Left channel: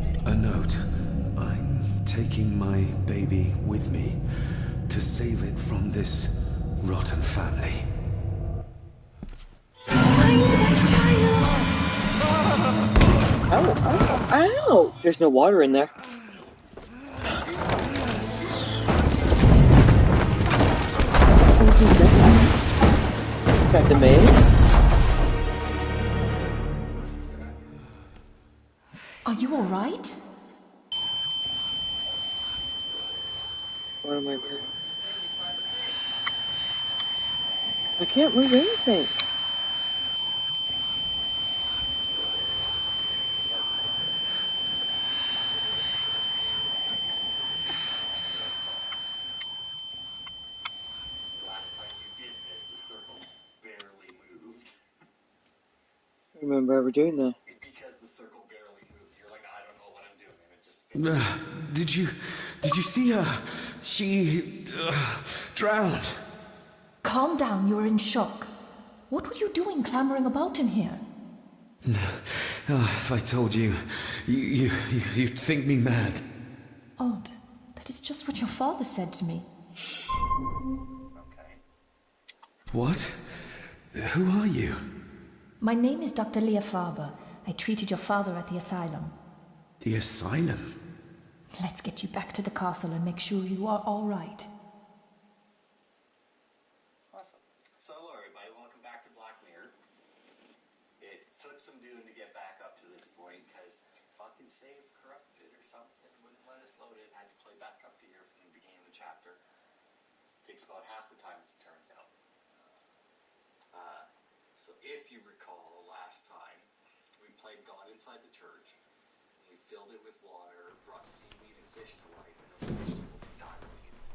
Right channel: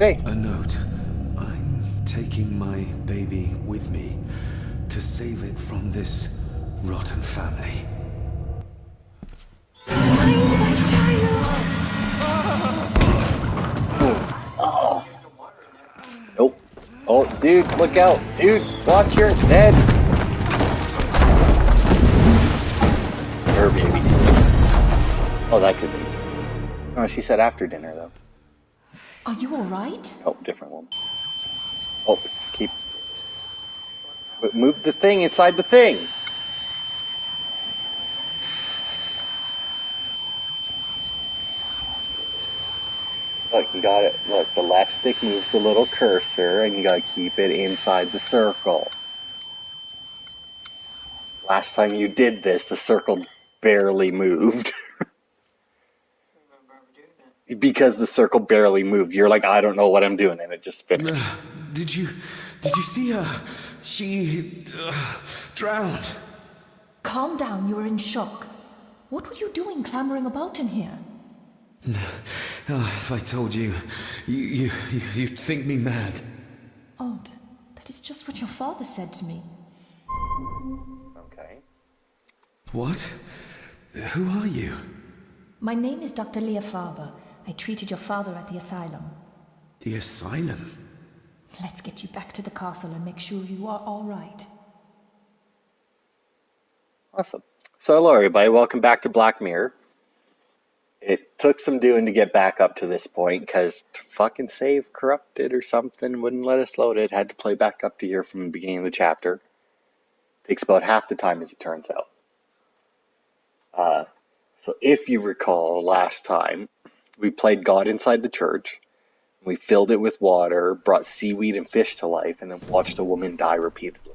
Hey. A note. I'm taking my baby with me to save it from this rotten family. Find my child! Ow! There's no water in there. Nope. Oh, dude, look out. Dude, watch your head. Find the maid. Oh, that could be. Oh, she said after dinner, though. Are you alright? Oh, different one. Oh, keep... What am I But move the thing inside the thing. We can't move anything. Look, you got it. Look, the left stick moves the little cursor, and you gotta keep it inside the circle. Last time you did this, the circle barely moved. I remember ever doing that. Because the circle barely moved. You're like, I don't know what I'm doing, and it just finished. Did you see her? She drowned. Calm down, you're in shock. What were you doing clambering about in here? If I told you, you'd think me mad. Odd. That is just what your father said to me. Okay. What? Who are you? My name is Dr. Leah Farber. I treated your father at the asylum. The asylum? Let's get you back to the castle and make sure you are all right. Awesome. So hello everybody, welcome back to Black Mirror. It took some doing to get back up to this point, because fucking save corrupted or something, wouldn't let us load it. Had to play back up to here from the beginning of the chapter. Takes about half the time as it turns out. So if you recall, last time, we played God Inside the Church. We filled it with water, brought seaweed and fish to life, and then watched a woman die repeatedly.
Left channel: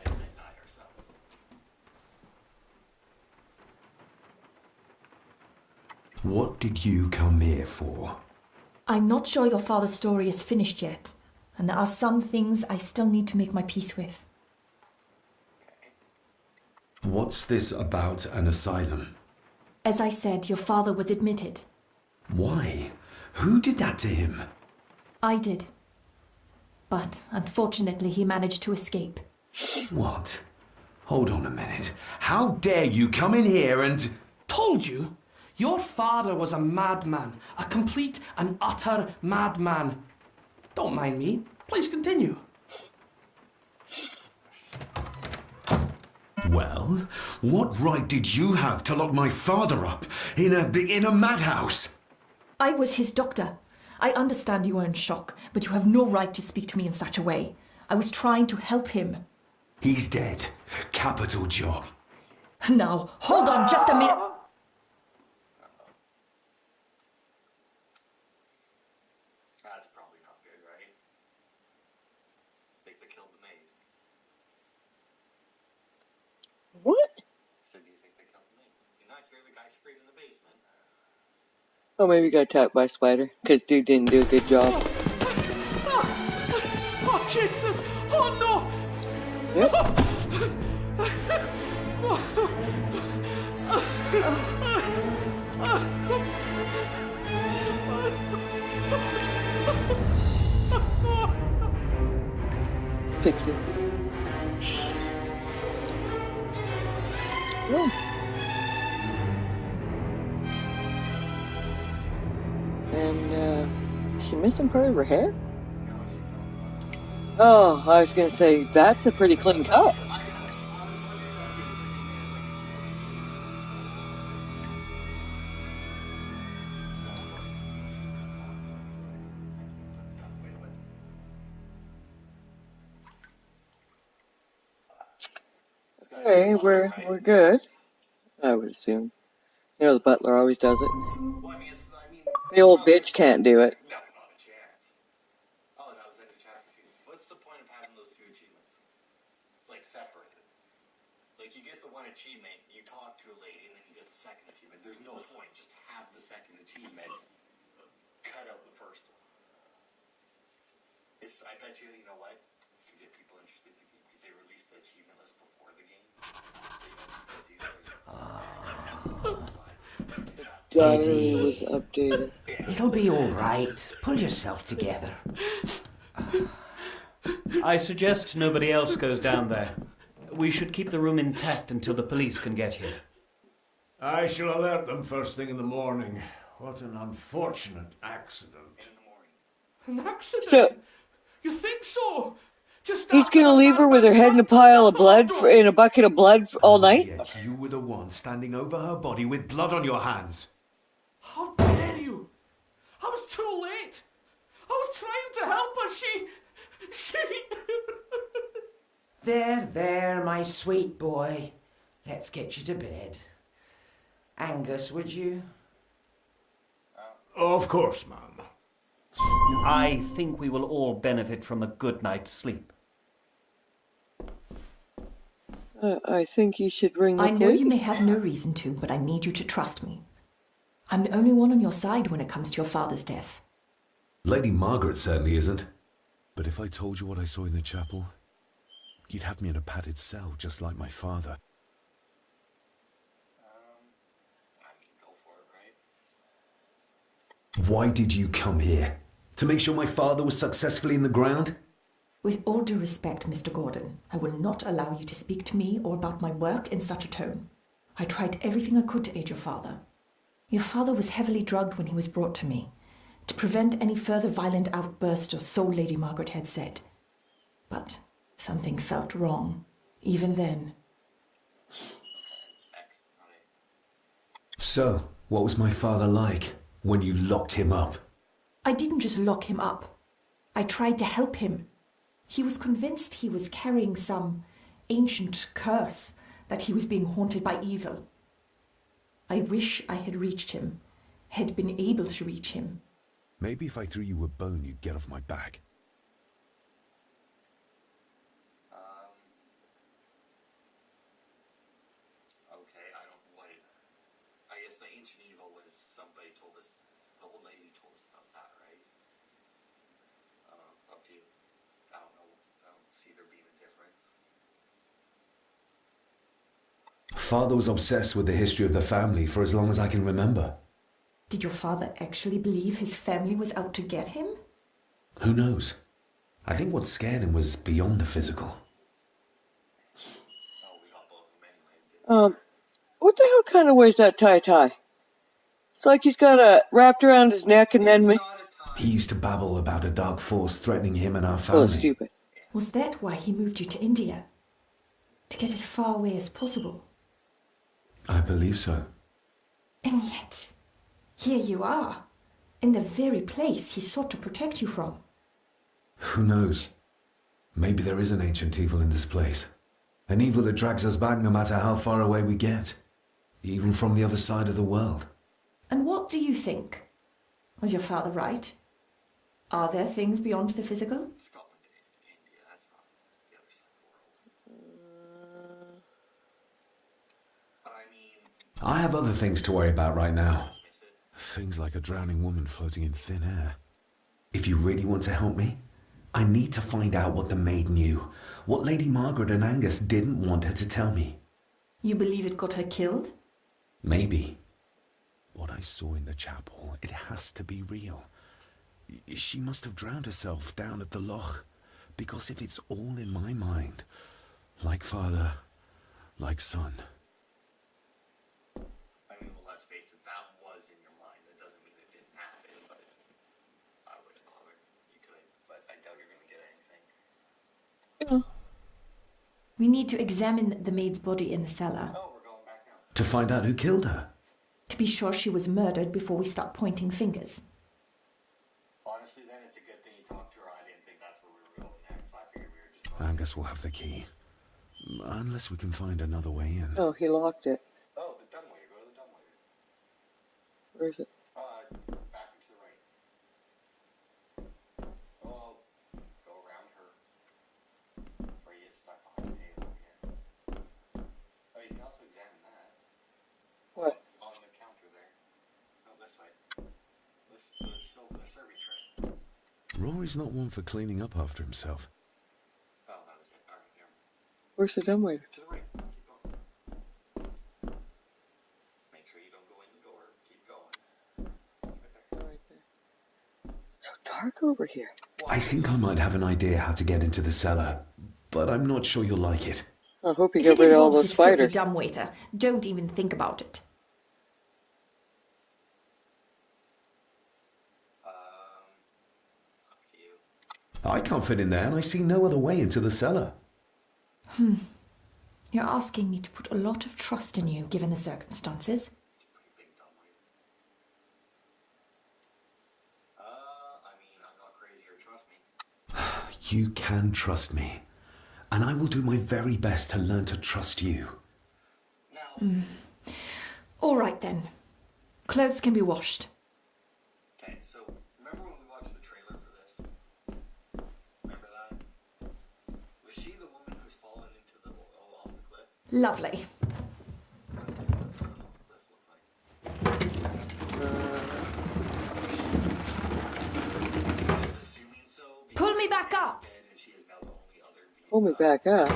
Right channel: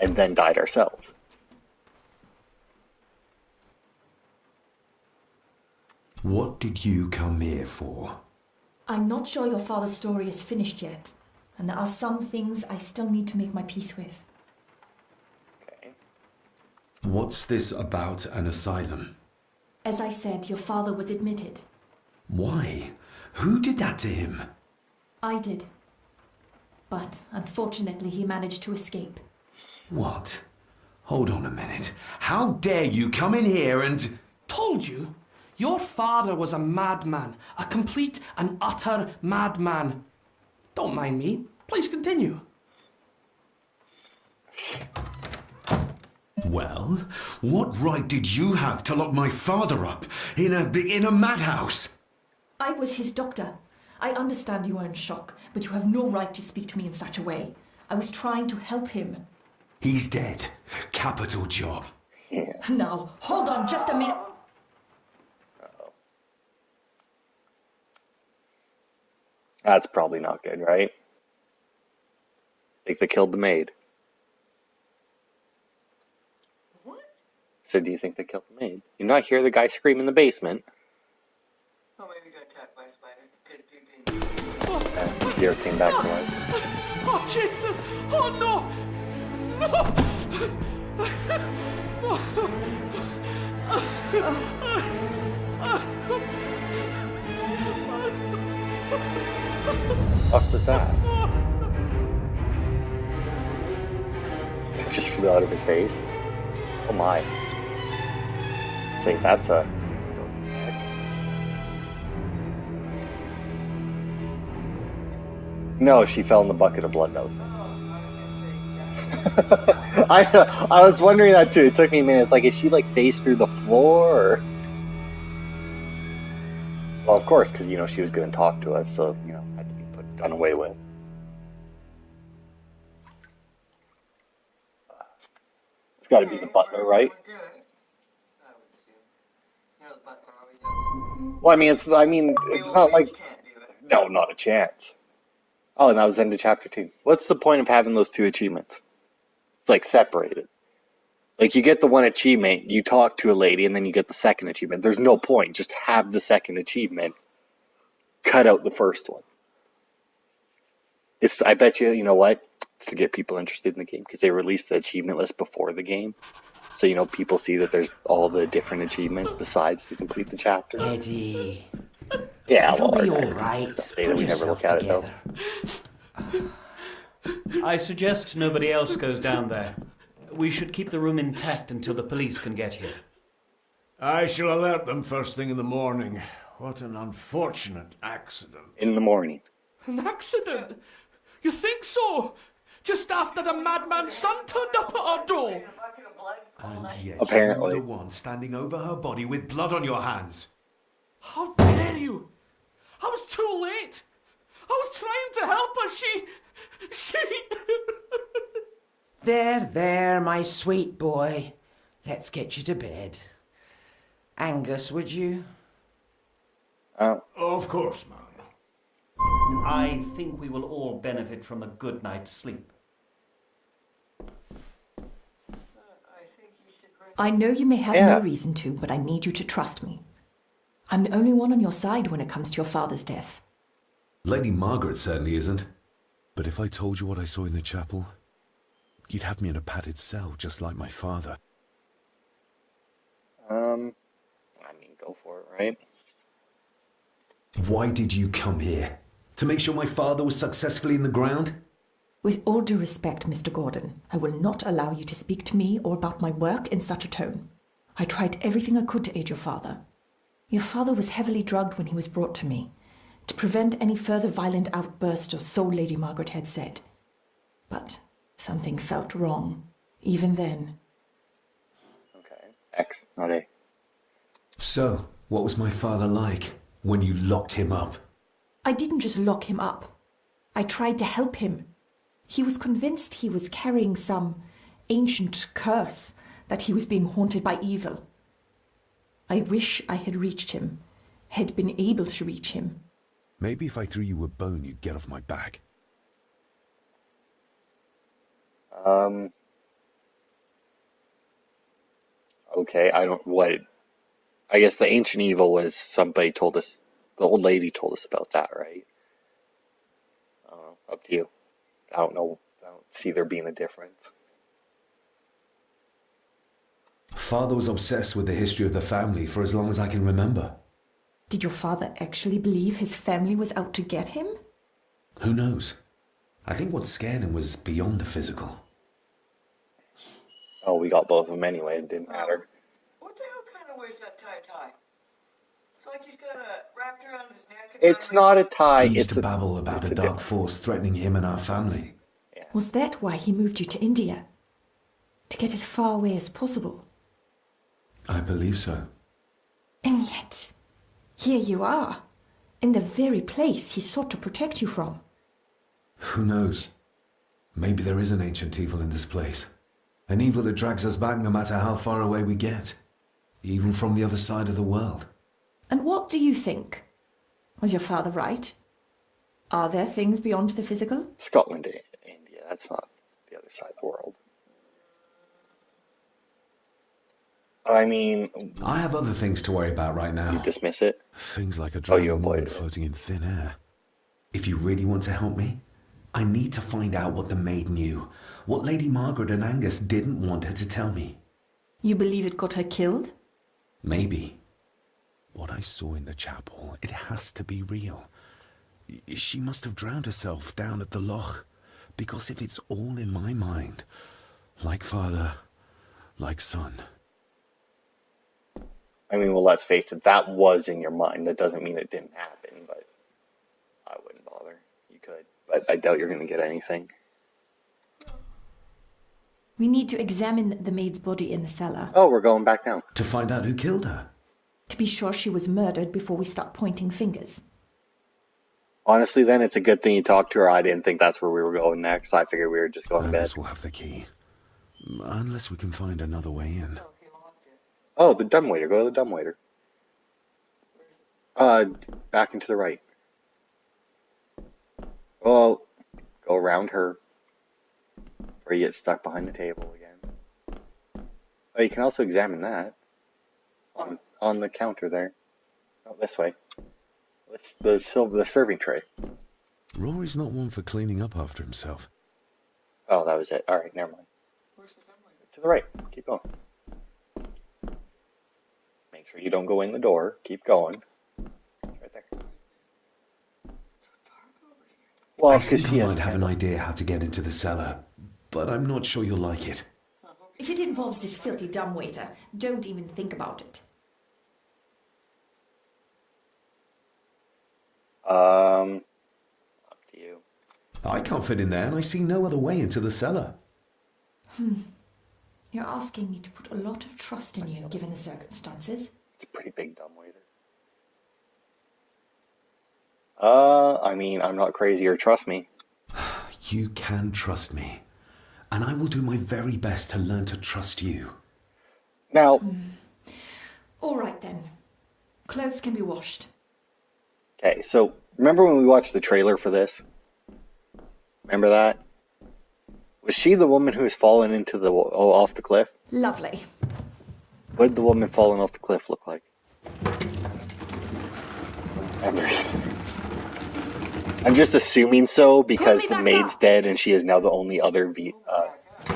And then died ourselves. What did you come here for? I'm not sure your father's story is finished yet, and there are some things I still need to make my peace with. What's this about an asylum? As I said, your father was admitted. Why? Who did that to him? I did. But unfortunately, he managed to escape. What? Hold on a minute. How dare you come in here and... Told you? Your father was a madman. A complete and utter madman. Don't mind me. Please continue. Well, what right did you have to lock my father up in a madhouse? I was his doctor. I understand you are in shock, but you have no right to speak to me in such a way. I was trying to help him. He's dead. Capital job. Now, hold on just a minute. That's probably not good, right? Think they killed the maid. What? So do you think they killed the maid? You not hear the guy scream in the basement? Oh, maybe he got attacked by a spider. Because dude didn't do a good job. Deer came back to life. Oh, Jesus! Oh, no! What was that? Pixie. It just flew out of his face. Oh my. Yeah. I think that's a... And, she missing part of her head? No, she fell in the bucket of blood though. Oh, I was gonna say, that's a pretty clean cut. I was wondering that too. It took me a minute. It's like, is she like face through the floor or... Well, of course, because, you know, she was going to talk to us, so, you know, had to be done away with. It's got to be Okay, the butler, right? we're good. I would assume. You know, the butler always does it. Well, I mean, it's The old not bitch like... can't do it. No, not a chance. Oh, and that was the end of chapter 2. What's the point of having those two achievements? It's like separated. Like, you get the one achievement, you talk to a lady, and then you get the second achievement. There's no point. Just have the second achievement. Cut out the first one. It's, I bet you, you know what? It's to get people interested in the game, because they released the achievement list before the game. So, people see that there's all the different achievements besides to complete the chapter. Eddie, Updated. Yeah, it'll be well, all right. They Pull would never yourself look at it, though. together. I suggest nobody else goes down there. We should keep the room intact until the police can get here. I shall alert them first thing in the morning. What an unfortunate accident. In the morning. An accident? So- You think so? Just He's after gonna the leave her with her madman's head in a son pile turned of up blood, our door. in a bucket of blood all night? Yet Apparently. you were the one standing over her body with blood on your hands. How dare you? I was too late. I was trying to help her. She... There, my sweet boy. Let's get you to bed. Angus, would you? Of course, ma'am. I think we will all benefit from a good night's sleep. I think you should ring the I know police. you may have Yeah. no reason to, but I need you to trust me. I'm the only one on your side when it comes to your father's death. Lady Margaret certainly isn't. But if I told you what I saw in the chapel, you'd have me in a padded cell, just like my father. Go for it, right? Why did you come here? To make sure my father was successfully in the ground? With all due respect, Mr. Gordon, I will not allow you to speak to me or about my work in such a tone. I tried everything I could to aid your father. Your father was heavily drugged when he was brought to me, to prevent any further violent outburst, or so Lady Margaret had said. But something felt wrong, even then. X, not A. So, what was my father like when you locked him up? I didn't just lock him up. I tried to help him. He was convinced he was carrying some ancient curse, that he was being haunted by evil. I wish I had reached him, had been able to reach him. Maybe if I threw you a bone, you'd get off my back. Okay, I guess the ancient evil was somebody told us, the old lady told us about that, right? Up to you. I don't know. I don't see there being a difference. Father was obsessed with the history of the family for as long as I can remember. Did your father actually believe his family was out to get him? Who knows? I think what scared him was beyond the physical. Oh, we got both of them anyway. It didn't matter. What the hell kind of wears that tie? It's like he's got a wrapped around his neck and It's then... not a tie. He used it's to a- babble about a dark force threatening him and our So family. stupid. Was that why he moved you to India? To get as far away as possible? I believe so. And yet, here you are, in the very place he sought to protect you from. Who knows? Maybe there is an ancient evil in this place. An evil that drags us back no matter how far away we get. Even from the other side of the world. And what do you think? Was your father right? Are there things beyond the physical? Scotland, India. That's not the other side of the world. I mean, I have other things to worry about right now. dismiss it. Things like a you drowning woman avoided it. floating in thin air. If you really want to help me, I need to find out what the maid knew. What Lady Margaret and Angus didn't want her to tell me. You believe it got her killed? Maybe. What I saw in the chapel, it has to be real. She must have drowned herself down at the loch. Because if it's all in my mind, like father, like son. I mean, well, let's face it. That was in your mind. That doesn't mean it didn't happen, but I wouldn't bother. You could, but I doubt you're going to get anything. We need to examine the maid's body in the cellar Oh, we're going back down. To find out who killed her. to be sure she was murdered before we start pointing fingers. Honestly, then it's a good thing you talked to her. I didn't think that's where we were going next. I figured we were just going to bed. Angus will have the key. Unless we can find another way in. Oh, he locked it. Oh, the dumbwaiter. Go to the dumbwaiter. Where is it? Back and to the right. Well, go around her. Where you get stuck behind the table again. Oh, you can also examine that. On the counter there. Oh, this way. It's the serving tray. Rory's not one for cleaning up after himself. Oh, that was it. Alright, never mind. Where's the dumbwaiter? To the right. Keep going. sure you don't go in the door. Keep going. Right there. It's so dark over here. Well, I think I she has- might have an idea how to get into the cellar, but I'm not sure you'll like it. I hope you If get it rid of all involves those this filthy spiders. dumbwaiter, don't even think about it. Up to you. I can't fit in there, and I see no other way into the cellar. You're asking me to put a lot of trust in you, given the circumstances. It's a pretty big dumbwaiter. I mean, I'm not crazy, or trust me. You can trust me, and I will do my very best to learn to trust you. Now, All right, then. Clothes can be washed. okay, so remember when we watched the trailer for this? Remember that? Was she the woman who was falling into the off the cliff? Lovely. What did the woman falling off the cliff look like? I'm just assuming so because me the back maid's up. dead and she is now the only other Pull me back up.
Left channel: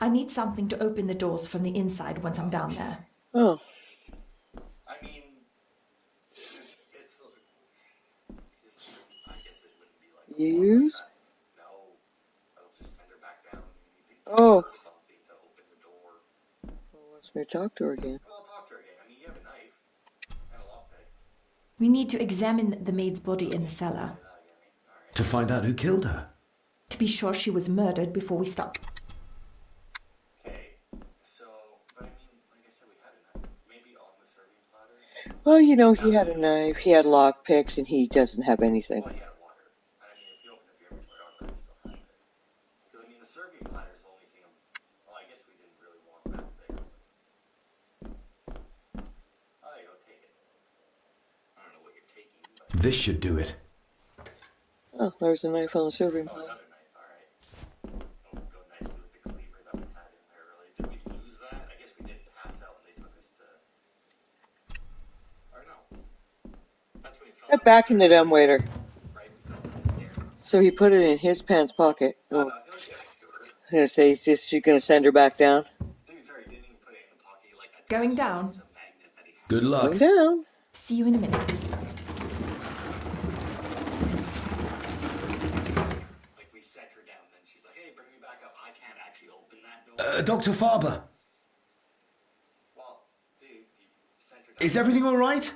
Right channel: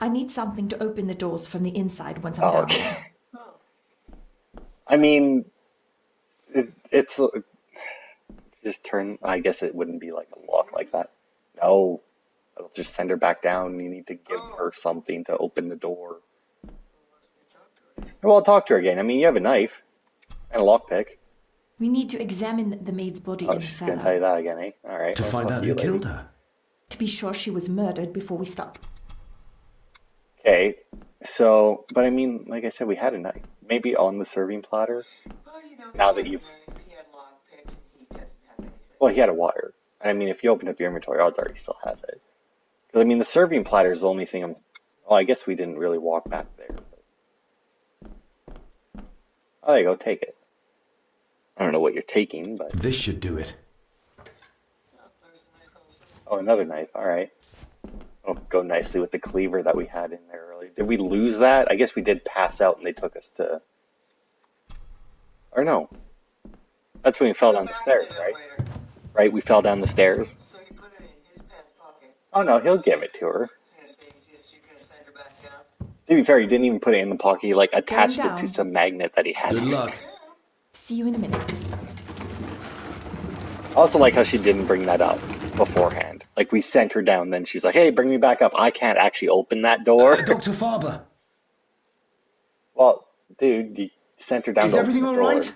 I need something to open the doors from the inside once I'm down there. Oh, I mean, it's just turn. I guess it wouldn't be like a block like Use? that. No, it'll just send her back down. You need to give Oh. her something to open the door. wants me to talk to her again. Well, I'll talk to her again. I mean, you have a knife and a lockpick. We need to examine the maid's body I'm in the just gonna tell you cellar that again, eh? All right. To I'll find talk out to who you later. killed her. to be sure she was murdered before we start. Okay, so, but I mean, like I said, we had a knife. Maybe on the serving platter. Well, you know, he Now that had a you've- knife, he had lock picks, and he doesn't have anything. Well, he had a wire. I mean, if you open up your inventory, odds are he still has it. Because I mean, the serving platter is the only thing I'm. Well, I guess we didn't really walk back there. But... Oh, there you go. Take it. I don't know what you're taking, but This should do it. Oh, there's a knife on the serving. oh, another knife. All right. Oh, go nicely with the cleaver that we had in there earlier. Did we lose that? I guess we did pass out, and they took us to. Or no. That's when we fell down Put back the in stairs. the right? dumbwaiter. Right, we fell down the stairs. So he put it in his pants pocket. Oh no, he'll give it to her. I was gonna say, she's gonna send her back down. To be fair, he didn't even put it in the pocket. He like attached it to down. some magnet that he has. Good luck. Down. See you in a minute. I also like how she didn't bring that up beforehand. Like we sent her down, then she's like, "Hey, bring me back up. I can't actually open that door." Dr. Farber, Well, dude, you sent her down. is to open everything the all door. right?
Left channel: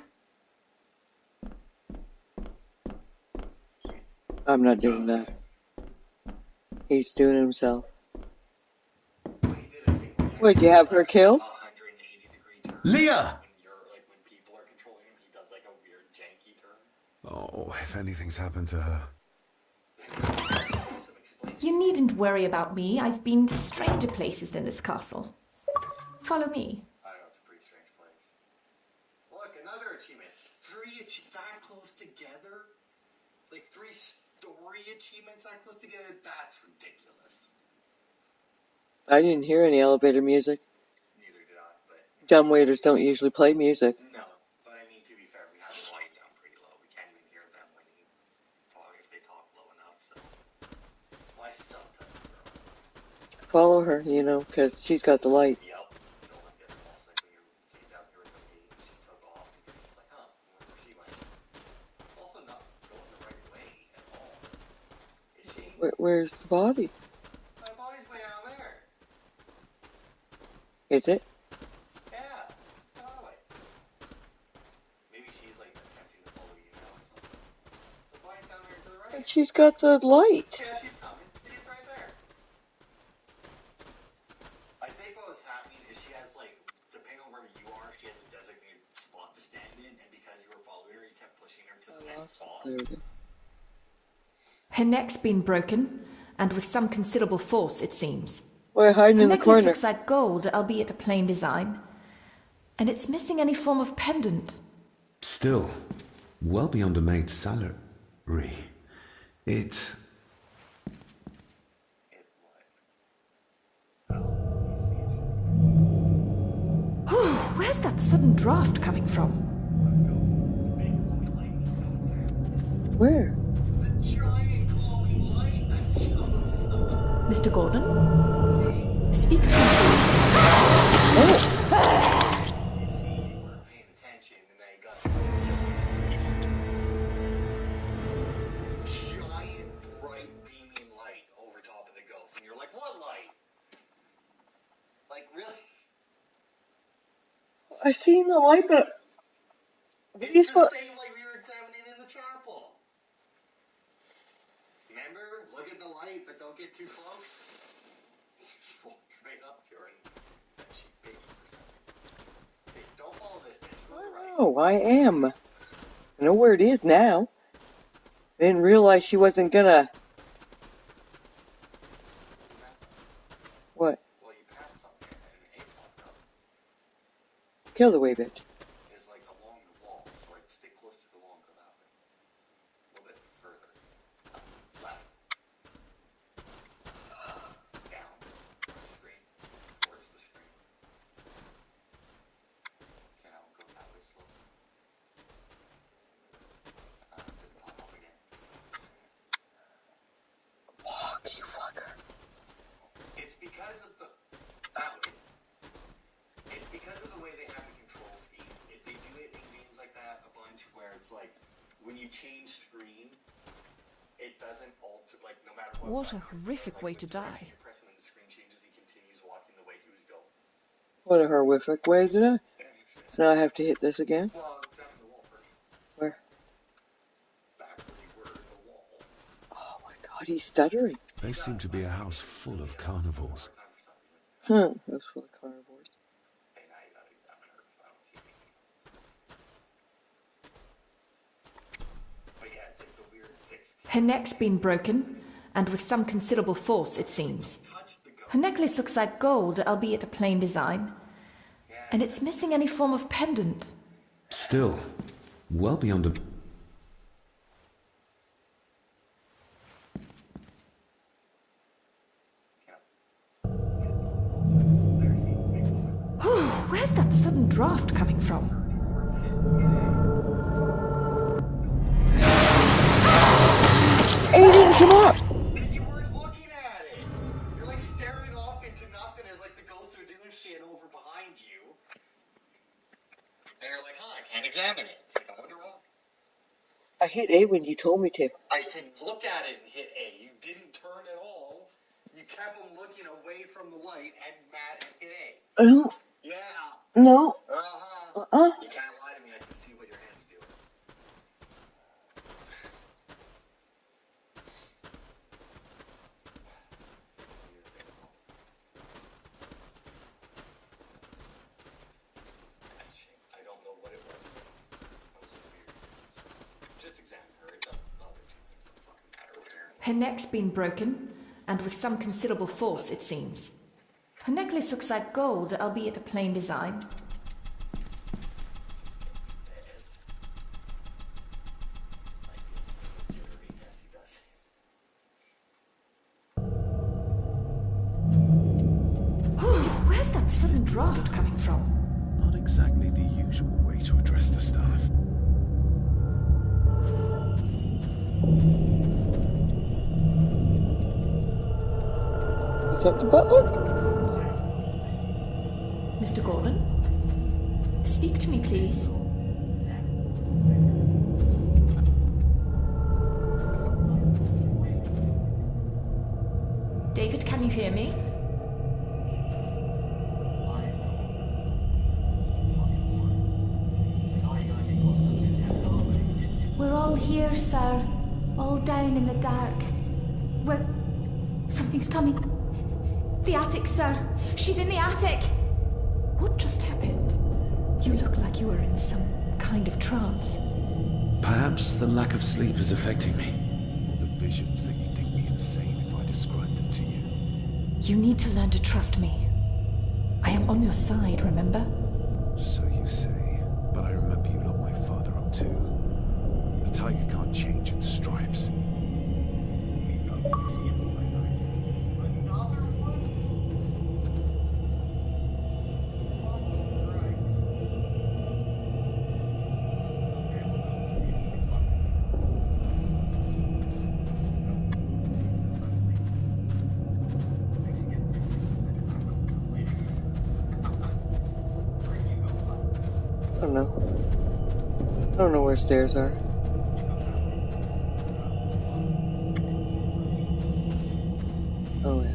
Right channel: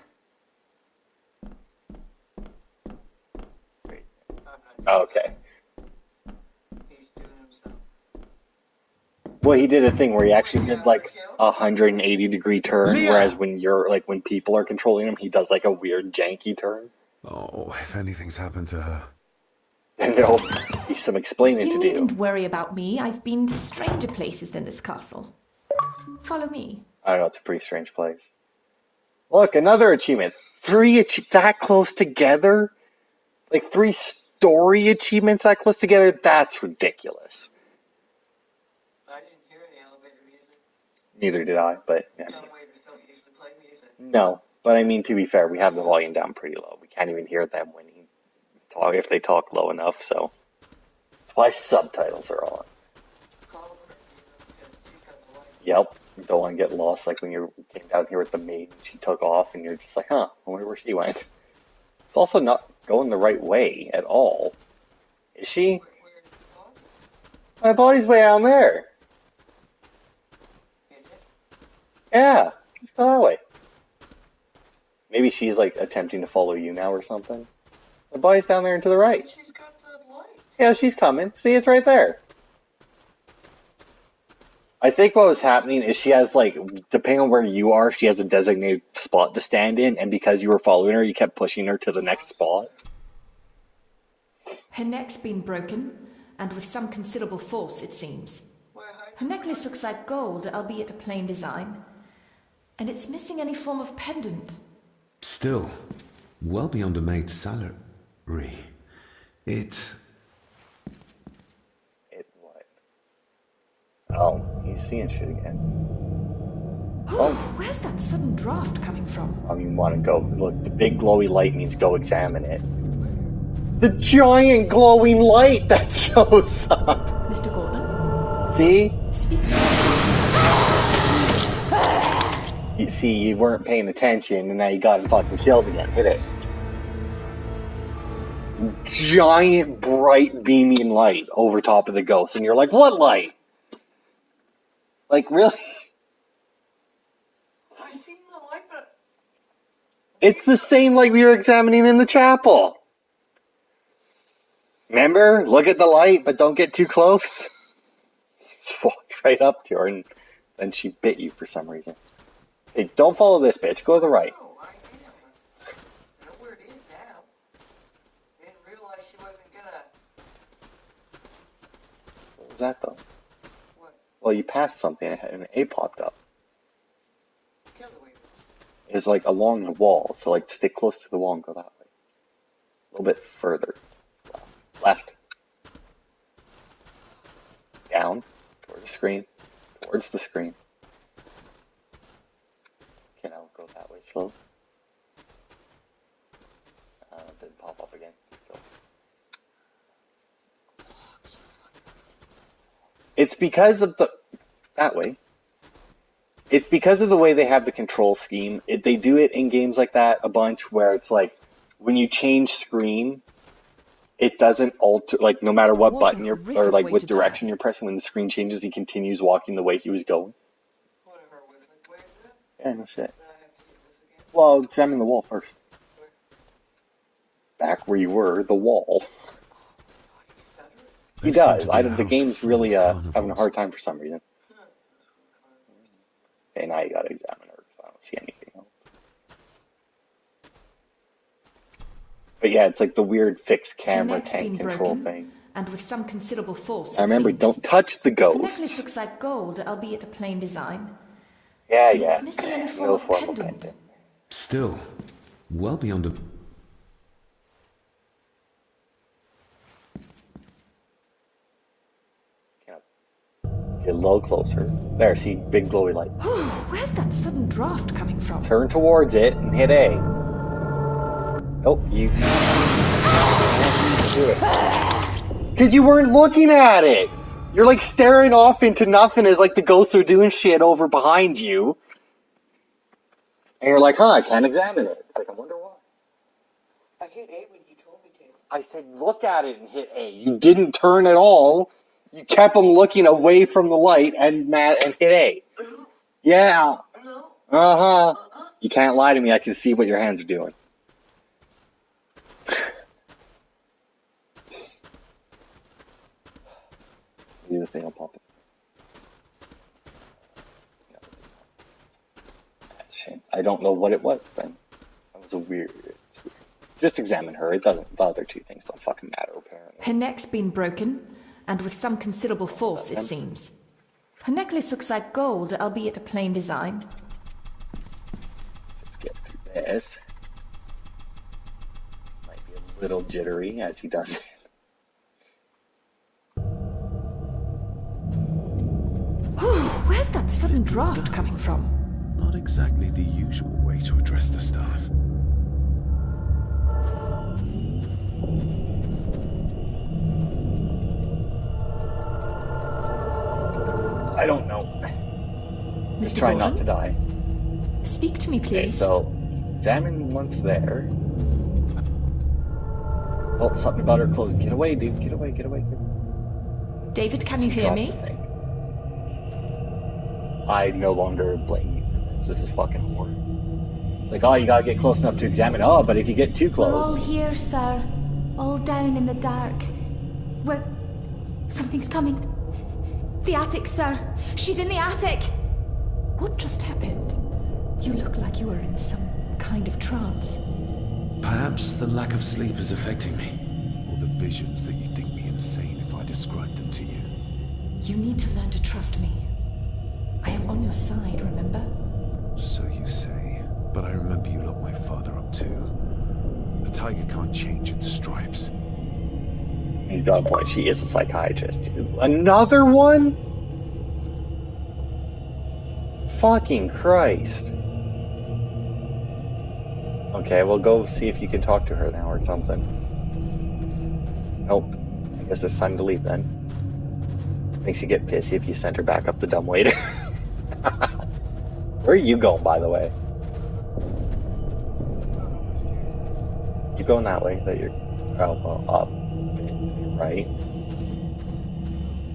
I'm not doing Oh, okay. that. He's doing it himself. Well, he did a thing where he actually Would you did have her like kill? a 180-degree turn, Leah! whereas when you're like when people are controlling him, he does like a weird janky turn. Oh, if anything's happened to her. And there'll be some explaining You to do. needn't worry about me. I've been to stranger places than this castle. Follow me. I don't know. It's a pretty strange place. Look, another achievement. 3 that close together? Like 3 story achievements that close together? That's ridiculous. I didn't hear any elevator music. Neither did I, but yeah. Dumbwaiters don't usually play music. No, but I mean, to be fair, we have the volume down pretty low. We can't even hear them when he talk if they talk low enough. So that's why subtitles are on. Follow her, you know, because she's got the light. Yep. You don't want to get lost, like when you came down here with the maid. She took off, and you're just like, huh? I wonder where she went. It's also not going the right way at all. Is she? Where's the body? My body's way down there. Is it? Yeah, let's go that way. Maybe she's like attempting to follow you now or something. The body's down there and to the right. She's got the light. Yeah, she's coming. See, it's right there. I think what was happening is she has like, depending on where you are, she has a designated spot to stand in, and because you were following her, you kept pushing her to the next spot. Her neck's been broken, and with some considerable force, it seems. We're hiding Her in the necklace corner. looks like gold, albeit a plain design. And it's missing any form of pendant. Still, well beyond a maid's salary. It... It what? Oh, he's seeing shit again. Where's that sudden draft coming from? I mean, want to go look? The big glowy light means go examine it. Where? The giant glowing light that shows up. Mr. Gordon, See? speak to me, please. You see, you weren't paying attention, and now you got him fucking killed again. Hit it. Giant, bright, beaming light over top of the ghost, and you're like, what light? Like, really? I seen the light, but It's the same light we were examining in the chapel. Remember? Look at the light, but don't get too close. Just walked right up to her, and then she bit you for some reason. Hey, don't follow this bitch. Go to the right. oh, I am. I know where it is now. I didn't realize she wasn't gonna. What was that, though? What? Well, you passed something, and an A popped up. Kill the way, bitch. It's like along the wall, so like stick close to the wall and go that way. A little bit further. Left. Down. Towards the screen. Towards the screen. Okay, now go that way slow. It didn't pop up again. Fuck, you fucker. It's because of the... That way. It's because of the way they have the control scheme. They do it in games like that a bunch where it's like, when you change screen, it doesn't alter, like, no matter what button you're, or like what direction you're pressing, when the screen changes, he continues walking the way he was going. What a horrific way to die. Yeah, no shit. So now I have to hit this again? Well, examine the wall first. Where? Back where you were, the wall. Oh my god, he's stuttering. He There seemed does. to be a The house game's full really of having a carnivores. hard time for some reason. That's for the carnivores. Okay, now you gotta examine her, because I don't see anything else. But yeah, it's like the weird fixed camera. Her neck's been control broken, thing. and with some considerable force, I it remember, seems. don't touch the ghost. Her necklace looks like gold, albeit a plain design. Yeah, And yeah. it's missing any form No of form pendant. Still, well beyond a... Get a little closer. There, see? Big glowy light. Where's that sudden draft coming from? Turn towards it and hit A. Nope, you... Because you weren't looking at it! You're like staring off into nothing as like the ghosts are doing shit over behind you. And you're like, huh, I can't examine it. It's like, I wonder why. I hit A when you told me to. I said, look at it and hit A. You didn't turn at all. You kept them looking away from the light and hit A. No. Yeah. No. Uh-huh. You can't lie to me. I can see what your hands are doing. See the thing will pop up. That's a shame. I don't know what it was, Ben. That was a weird... Just examine her. It doesn't... The other two things don't fucking matter, apparently. Her neck's been broken, and with some considerable force, it seems. Her necklace looks like gold, albeit a plain design. Let's get through this. Might be a little jittery as he does it. Where's that sudden draft coming from? Not exactly the usual way to address the staff. Is that the butler? I don't know. Mr. Try Gordon, not to die. speak to me, Okay, please. so examine once there. Oh, something about her clothes. Get away, dude. Get away, get away. David, can you hear me? I no longer blame you. This is fucking horrible. Like, oh, you gotta get close enough to examine. Oh, but if you get too close... We're all here, sir. All down in the dark. Something's coming. The attic, sir. She's in the attic. What just happened? You look like you were in some kind of trance. Perhaps the lack of sleep is affecting me. Or the visions that you'd think me insane if I described them to you. You need to learn to trust me. I am on your side, remember? So you say. But I remember you locked my father up too. A tiger can't change its stripes. He's got a point. She is a psychiatrist. Another one? Fucking Christ. Okay, well go see if you can talk to her now or something. Nope. I guess it's time to leave then. Makes you get pissy if you send her back up the dumb waiter. Where are you going, by the way? I don't know. I don't know where stairs are. You going that way? That you're up, right? Oh yeah.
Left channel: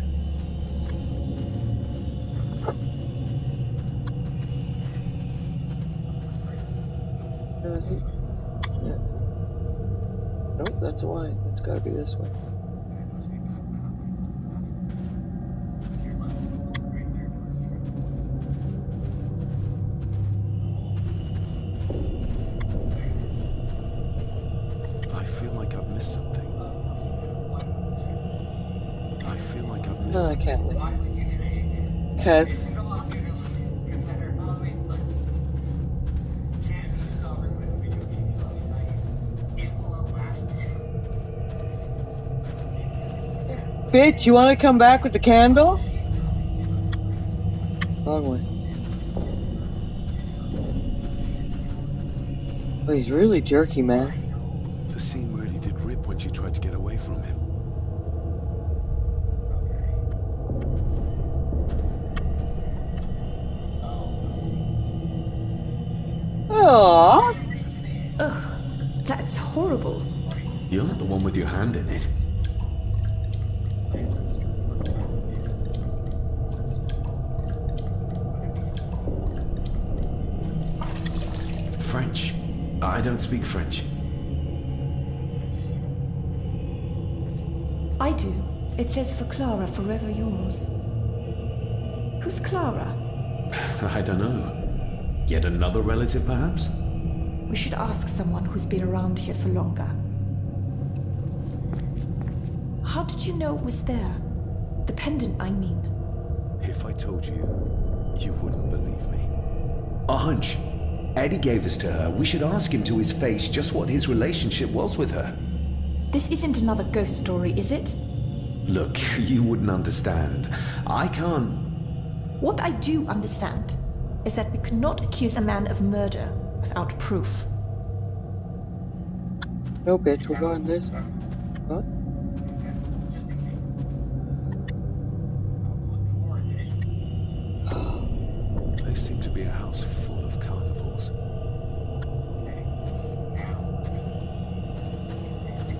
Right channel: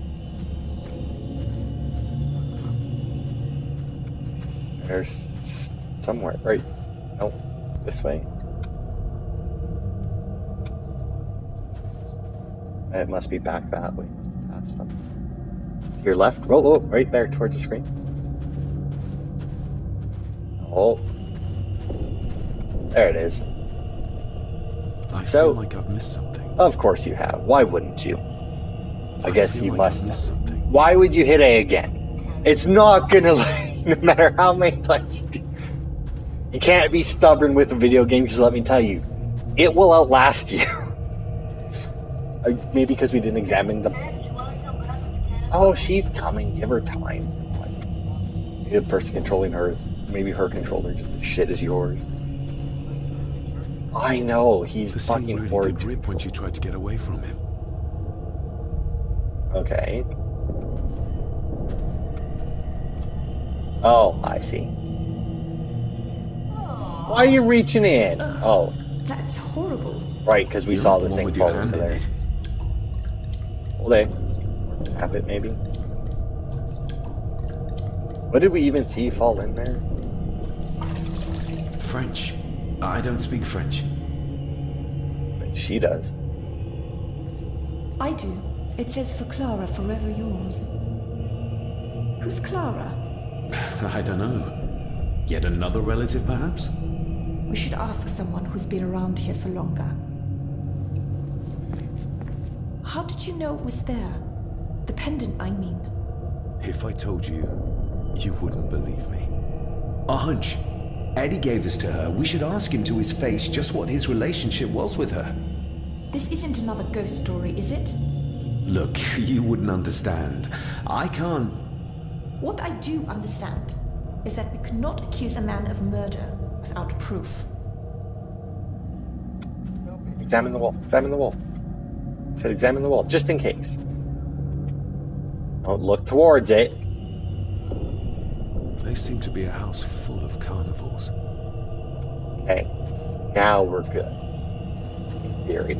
There's somewhere, right? Nope. This way. Yeah. Nope, that's why. It's gotta be this way. It must be back that way. That's them. Your left. Oh, right there towards the screen. Oh. There it is. I feel like I've missed something. Of course you have. Why wouldn't you? I guess feel you like I've must. missed something. Why would you hit A again? Cause It's not gonna, no matter how many times you do. You can't be stubborn with a video game, because let me tell you, it will outlast you. Maybe because we didn't examine the... bitch, you wanna come back with the candle? Oh, she's coming. Give her time. Wrong way. The person controlling her, maybe her controller shit is yours. Oh, he's really jerky, man. I know, he's The scene fucking really horrid. did rip when she tried to get away from him. Okay. Oh, I see. Aww. Why are you reaching in? Ugh. Oh, That's horrible. right, because we You're saw not the one thing with your fall hand into in there. it. Hold it. Tap it, maybe. What did we even see fall in there? French. I don't speak French. She does. I do. It says for Clara, forever yours. Who's Clara? I don't know. Yet another relative, perhaps? We should ask someone who's been around here for longer. How did you know it was there? The pendant, I mean. If I told you, you wouldn't believe me. A hunch. Eddie gave this to her. We should ask him to his face just what his relationship was with her. This isn't another ghost story, is it? Look, you wouldn't understand. I can't... What I do understand is that we cannot accuse a man of murder without proof. No, bitch, Examine the wall. this. Examine the wall. Huh? Said examine the wall, just in case. Don't look towards it. They seem to be a house full of carnivores. Okay. Now we're good. In theory.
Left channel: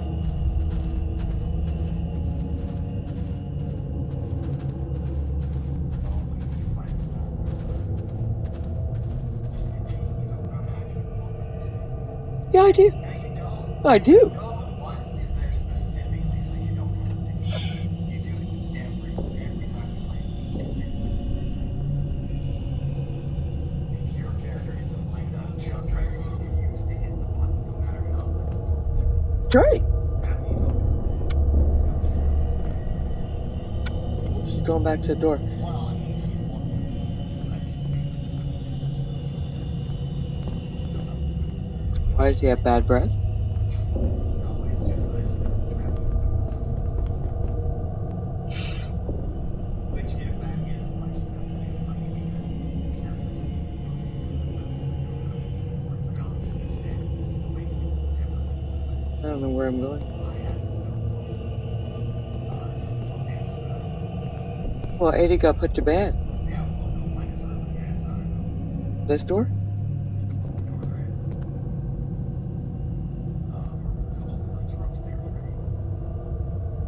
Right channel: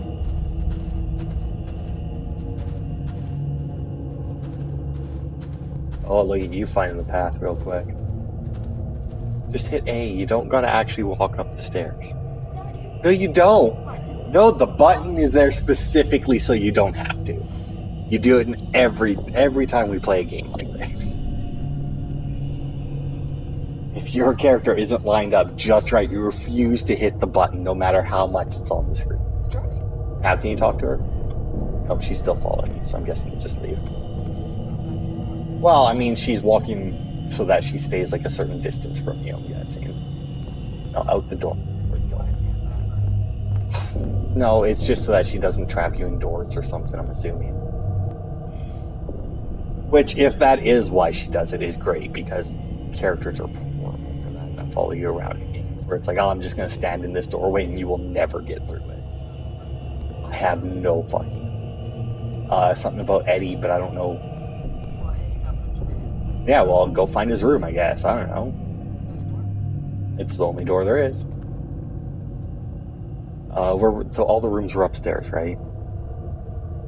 Oh, look at you finding the path real quick. Just hit A. You don't gotta actually walk up the stairs. Yeah, I do. No, you don't. I do. No, the button is there specifically so you don't have to. You do it in every time we play a game like this. If your character isn't lined up just right, you refuse to hit the button no matter how much it's on the screen. Great. Now can you talk to her? Oh, she's still following you, so I'm guessing you just leave. She's going back to the door. Well, I mean, she's walking so that she stays like a certain distance from you. Yeah, that's it. No, out the door. Why does he have bad breath? No, it's just so that she doesn't trap you indoors or something, I'm assuming. Which, if that is why she does it, is great, because characters are that follow you around in games, where it's like, oh, I'm just going to stand in this doorway and you will never get through it. I don't know where I'm going. I have no fucking... something about Eddie, but I don't know. Well, Eddie got put to bed. Yeah, well, go find his room, I guess. I don't know. This door? It's the only door there is. So all the rooms were upstairs, right?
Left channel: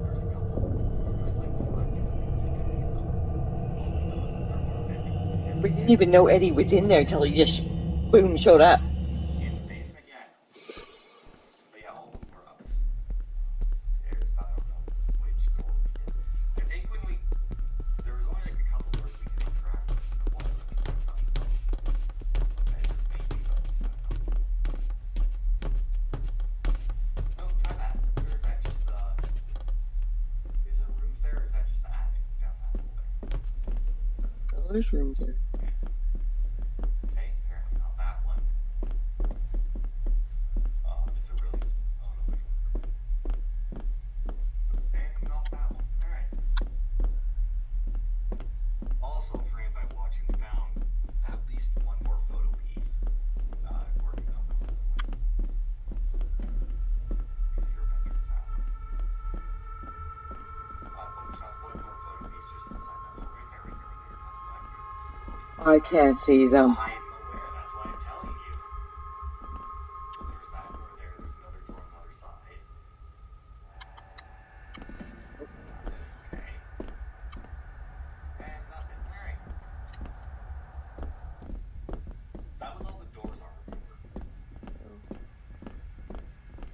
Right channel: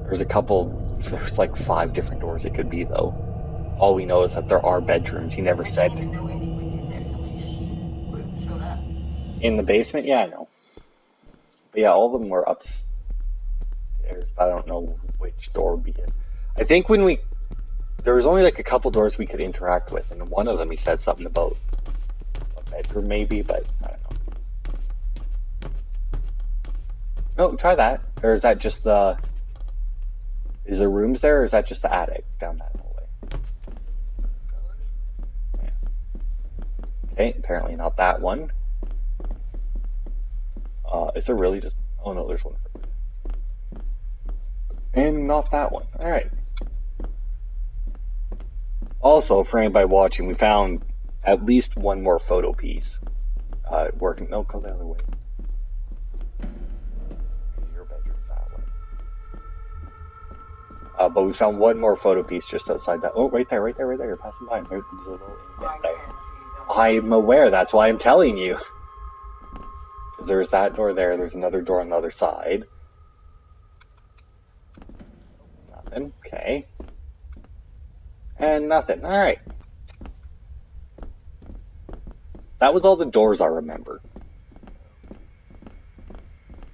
There's like 5 different doors it could be, though. All we know is that there are bedrooms. He never We said. didn't even know Eddie was in there until he just, boom, showed up. In the basement? Yeah, I know. But yeah, all of them were upstairs, but I don't know which door would be it. I think there was only like a couple doors we could interact with, and one of them he said something about a bedroom maybe, but I don't know. No, try that. Or is that just the... Is there rooms there, or is that just the attic down that hallway? Oh, there's rooms there. Okay, apparently not that one. Is there really just... Oh no, there's one. And not that one. Alright. Also, for anybody watching, we found at least one more photo piece. Working. No, go the other way. Your bedroom's that way. But we found one more photo piece just outside that. Oh, right there. Passing by. Right, I can't see them. I'm aware. That's why I'm telling you. There's that door there. There's another door on the other side. Nothing. Okay. And nothing. Alright. That was all the doors I remember.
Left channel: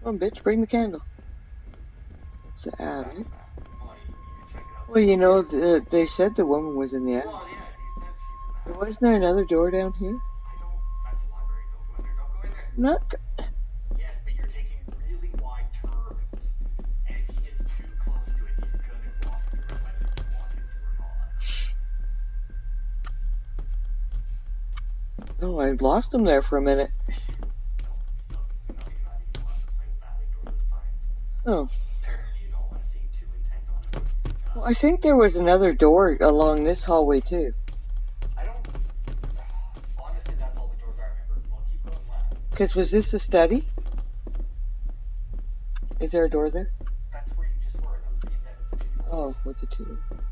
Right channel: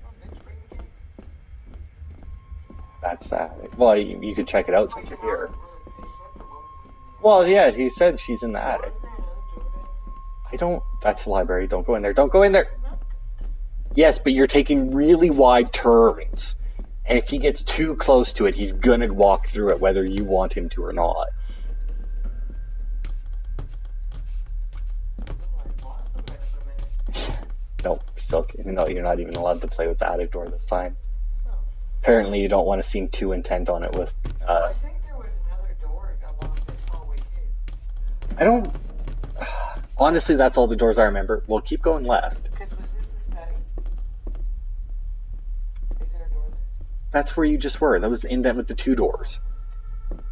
Come on, bitch, bring the candle. It's the attic. That's that. Well, you could check it out. Well, you know, here. they said the woman was in the attic. Well, yeah, he said she's in the attic. Wasn't there another door down here? I don't. That's the library. Don't go in there. Don't go in there. Not. Yes, but you're taking really wide turns. And if he gets too close to it, he's gonna walk through it whether you want him to or not. No, I lost him there for a minute. No, still, no, you're not even allowed to play with the attic door this time. Oh. Apparently you don't want to seem too intent on it with... I think there was another door along this hallway, too. I don't... Honestly, that's all the doors I remember. We'll keep going left. Because was this the study? Is there a door there? That's where you just were. That was the indent with the two doors. Oh, with the two doors.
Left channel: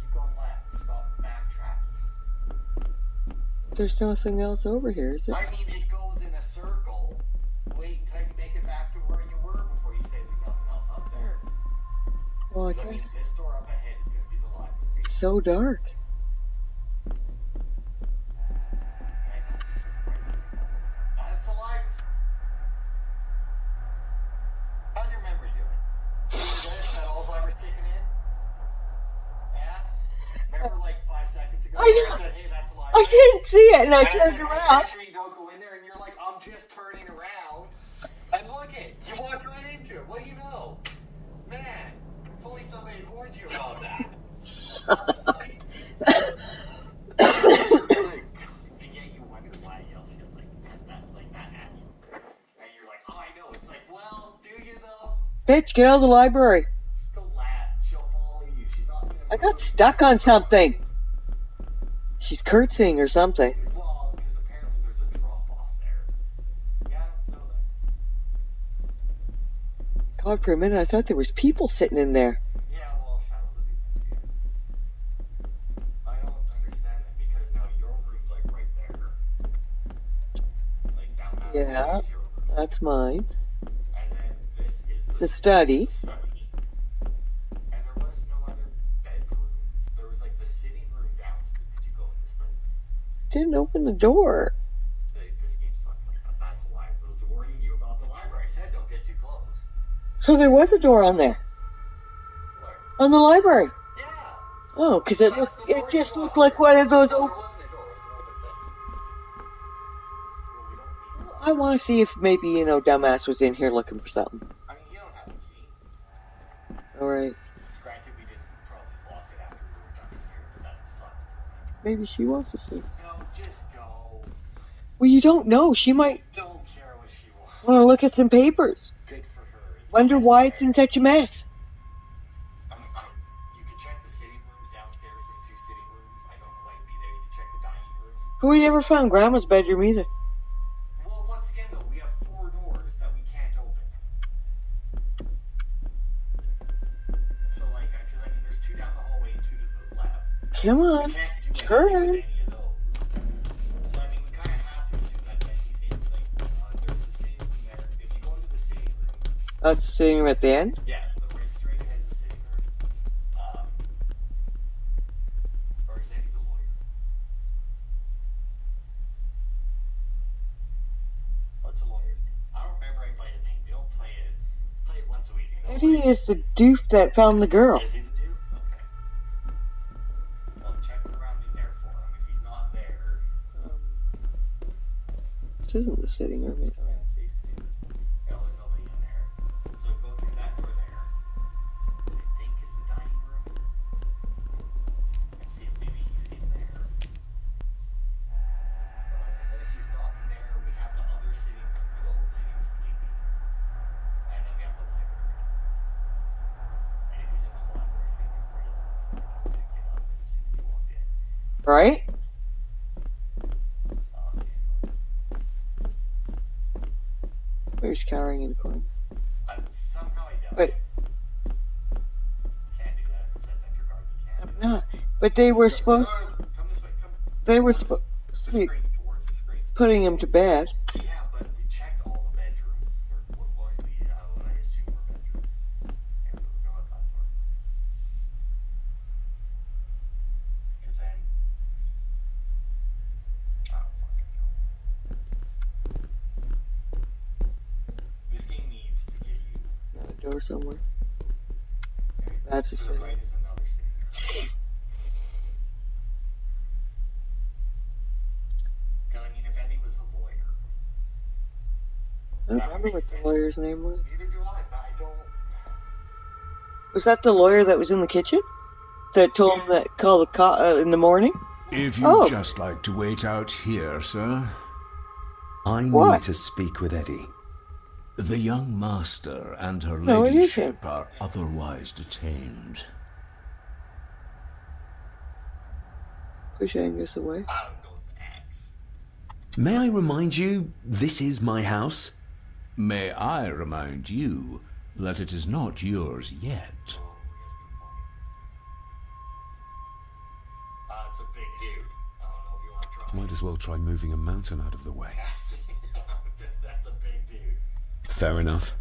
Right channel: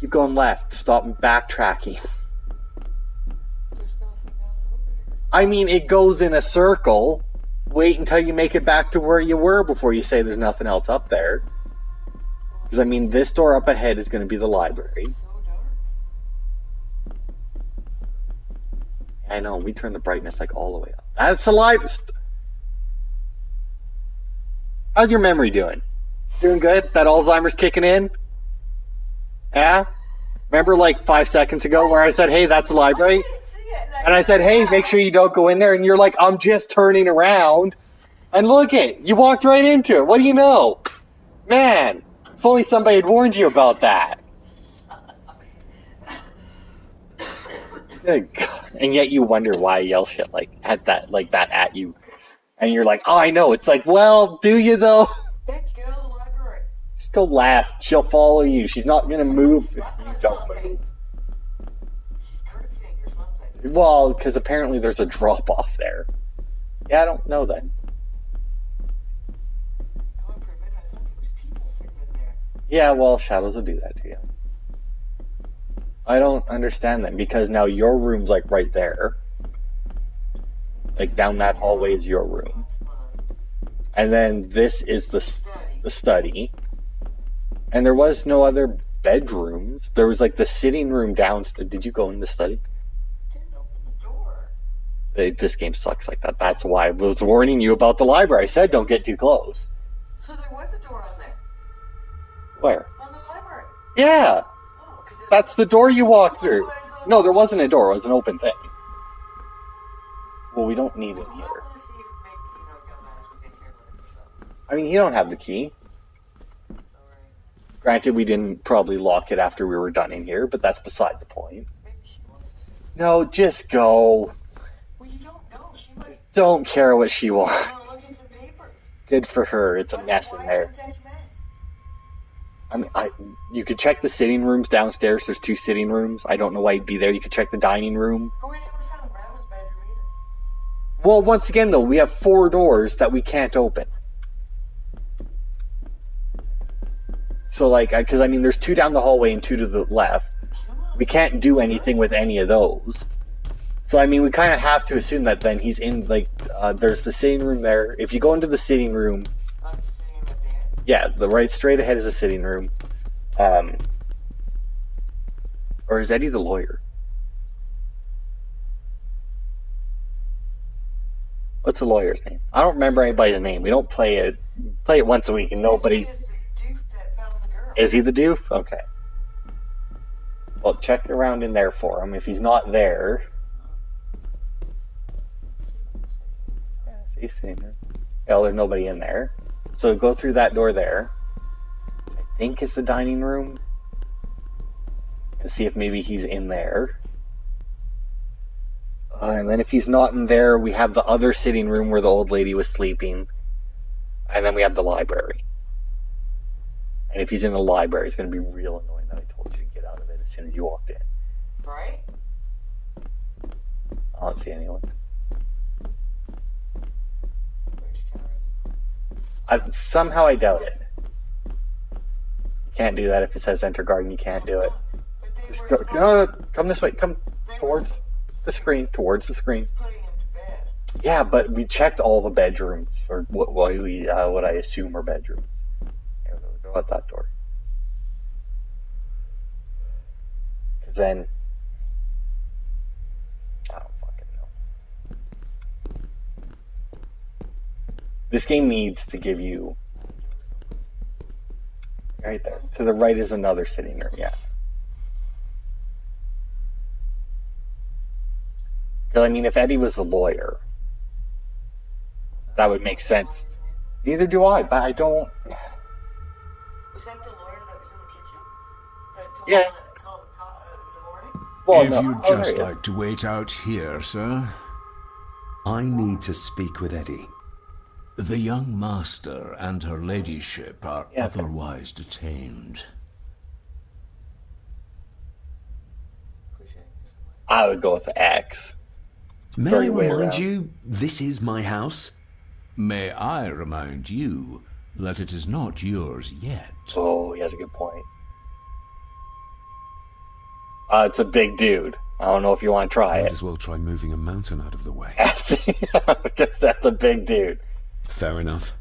Keep going left. Stop backtracking. There's nothing else over here, is there? I mean, it goes in a circle. Wait until you make it back to where you were before you say there's nothing else up there. Well, Because, I mean, this door up ahead is going to be the library. it's so dark. I know, we turned the brightness like all the way up. That's the library. How's your memory doing? Doing good? That Alzheimer's kicking in? Yeah? Remember like 5 seconds ago where I said, hey, that's the I library? didn't see it, and I said, hey, make sure you don't go in there. And you're like, I'm just turning around. And look it, you walked right into it. What do you know? Man, if only somebody had warned you about that. Good God. And yet you wonder why I yell shit like that at you. And you're like, oh, I know. It's like, well, do you though? Bitch, get out of the library. Just go left. She'll follow you. She's not gonna I move. got stuck on something. She's curtsying or something. Well, because apparently there's a drop off there. Yeah, I don't know then. God, for a minute I thought there was people sitting in there. Yeah, well, shadows will do that to you. I don't understand them because now your room's like right there. Like down that Yeah. hallway is your room. That's mine. And then this is The study. The study. And there was no other bedrooms. There was like the sitting room downstairs. Did you go in the study? Didn't open the door. This game sucks like that. That's why I was warning you about the library. I said don't get too close. So there was a door on there. Where? On the library. Yeah. Oh, because That's the door you walked like through. one of those. No, there wasn't a door. It was an open thing. Well, we don't need it. I want to see if maybe, dumbass was in here looking for something. I mean, you don't have the key. Alright. Granted, we didn't probably lock it after we were done in here, but that's beside the point. Maybe she wants to see. No, just go. Well, you don't know. She might Don't care what she wants. want to look at some papers. Good for her. It's a Wonder mess why in it's there. in such a mess. I mean, you could check the sitting rooms downstairs. There's 2 sitting rooms. I don't know why you'd be there. You could check the dining room. But we never found Grandma's bedroom either. Well, once again, though, we have 4 doors that we can't open. So, because, I mean, there's 2 down the hallway and 2 to the left. Come on. We can't do anything with Sure. any of those. So, I mean, we kind of have to assume that then he's in, there's the sitting room there. If you go into the sitting room, That's sitting room at the end? yeah, the right straight ahead is a sitting room. Or is Eddie the lawyer? What's the lawyer's name? I don't remember anybody's name. We don't play it once a week and nobody... He is the doof that found the girl. Is he the doof? Okay. Well, check around in there for him. If he's not there... This isn't the sitting room. He's sitting there. Well, there's nobody in there. So go through that door there. I think is the dining room. And see if maybe he's in there. And then if he's not in there, we have the other sitting room where the old lady was sleeping. And then we have the library. And if he's in the library, it's going to be real annoying that I told you to get out of it as soon as you walked in. Right? I don't see anyone. Where's cowering in the corner? Somehow I doubt Wait. it. can't do that. If it says enter garden, you can't do it. Ah, but they were supposed. No, come this way. Come. They were towards the screen. Towards the screen. putting him to bed. Yeah, but we checked all the bedrooms, or what I assume are bedrooms. Here, we'll go out that door. Because then, I don't fucking know. This game needs to give you Door somewhere. right there. That's To the right is another sitting room. Yeah. Because I mean, if Eddie was the lawyer, that would make sense. What the lawyer's name was? Neither do I, but I don't. Was that the lawyer that was in the kitchen? That told him that call the cop in the morning? Well, If no. you'd Oh, just yeah. like to wait out here, sir. I What? need to speak with Eddie. The young master and her No, it ladyship are Yeah. otherwise detained. Push Angus away. I would go with X. May Go I your way remind around. you, this is my house? May I remind you that it is not yours yet. Oh, he has a good point. It's a big dude. I don't know if you want to try Might it. as well try moving a mountain out of the way. Because that's a big dude. Fair enough.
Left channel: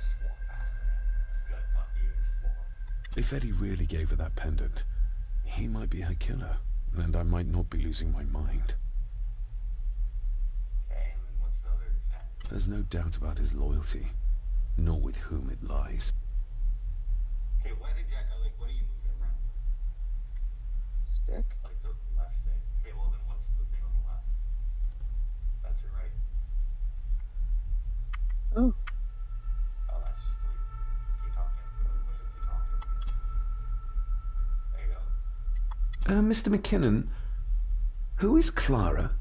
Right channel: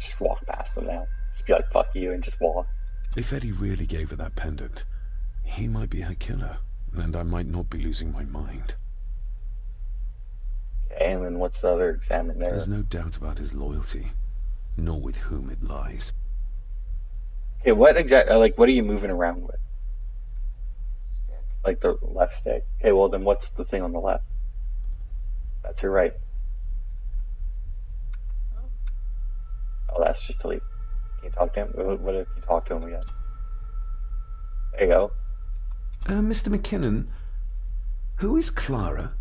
Just walk past him now. Just be like, fuck you, and just walk. If Eddie really gave her that pendant, he might be her killer, and I might not be losing my mind. Okay, and then what's the other exam in there? There's no doubt about his loyalty, nor with whom it lies. Okay, what exactly, like, what are you moving around with? Stick. Like the left stick. Okay, well then what's the thing on the left? That's your right. Oh. Oh, that's just to leave. Can you talk to him? What if you talk to him again? There you go. Mr. McKinnon, who is Clara?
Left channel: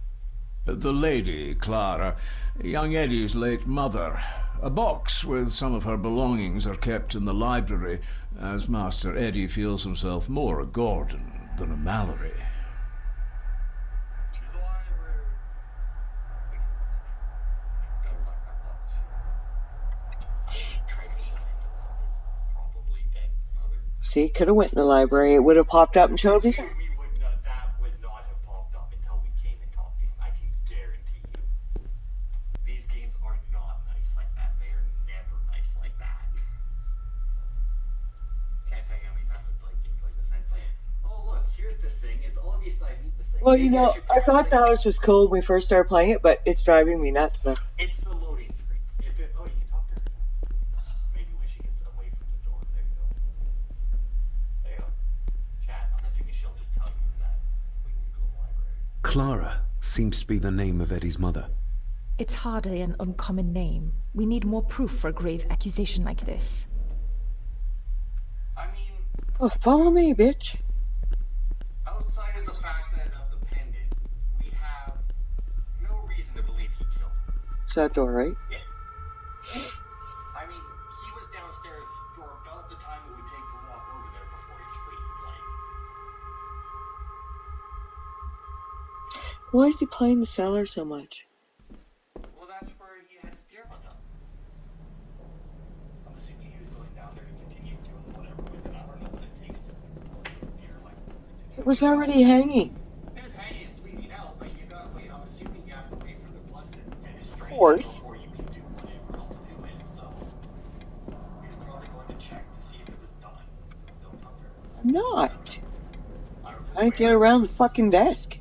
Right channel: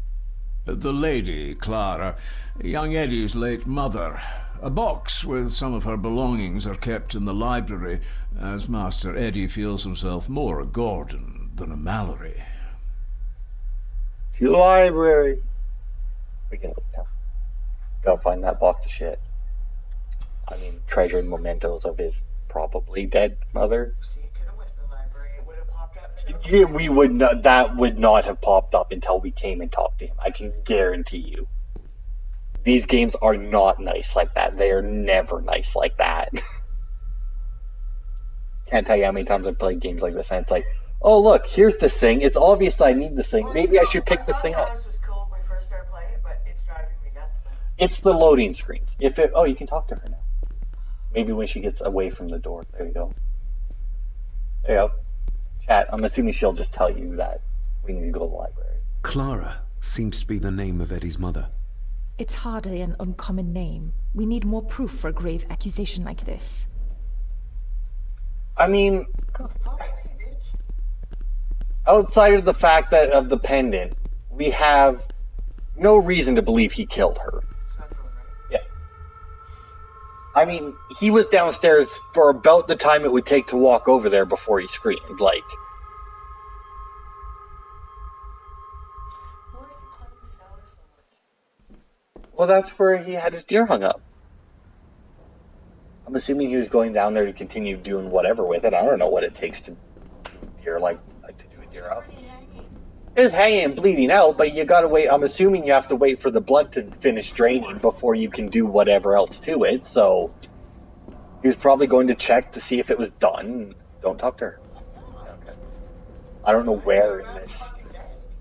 The lady, Clara, young Eddie's late mother. A box with some of her belongings are kept in the library, as Master Eddie feels himself more a Gordon than a Mallory. To the library. We can go find that box of shit. I mean, treasuring mementos of his probably dead mother. See, could have went in the library. It would have popped up and showed me. Yeah, we would not. That would not have popped up until we came and talked to him. I can guarantee you. These games are not nice like that. They are never nice like that. Can't tell you how many times I've played games like this, and it's like, oh look, here's this thing. It's obvious I need this thing. Well, Maybe you know, I should pick I this thought thing the up. house was cool when we first started playing it, but it's driving me nuts now. It's the loading screens. If it, oh, you can talk to her now. Maybe when she gets away from the door. There you go. There you go. Chat. I'm assuming she'll just tell you that we need to go to the library. Clara seems to be the name of Eddie's mother. It's hardly an uncommon name. We need more proof for a grave accusation like this. I mean, Oh, follow me, bitch. outside of the fact that of the pendant, we have no reason to believe he killed her. It's that door, right? Yeah. I mean, he was downstairs for about the time it would take to walk over there before he screamed. Like, Why is he playing the cellar so much? well, that's where he had his deer hung up. I'm assuming he was going down there to continue doing whatever with it. I don't know what it takes to deer like. To do It was deer hunting. already hanging. It's hanging and bleeding out, but you gotta wait. I'm assuming you have to wait for the blood to finish draining course. before you can do whatever else to it. So he was probably going to check to see if it was done. Don't talk to her. I'm not. I don't know I where. get around it the is. fucking desk.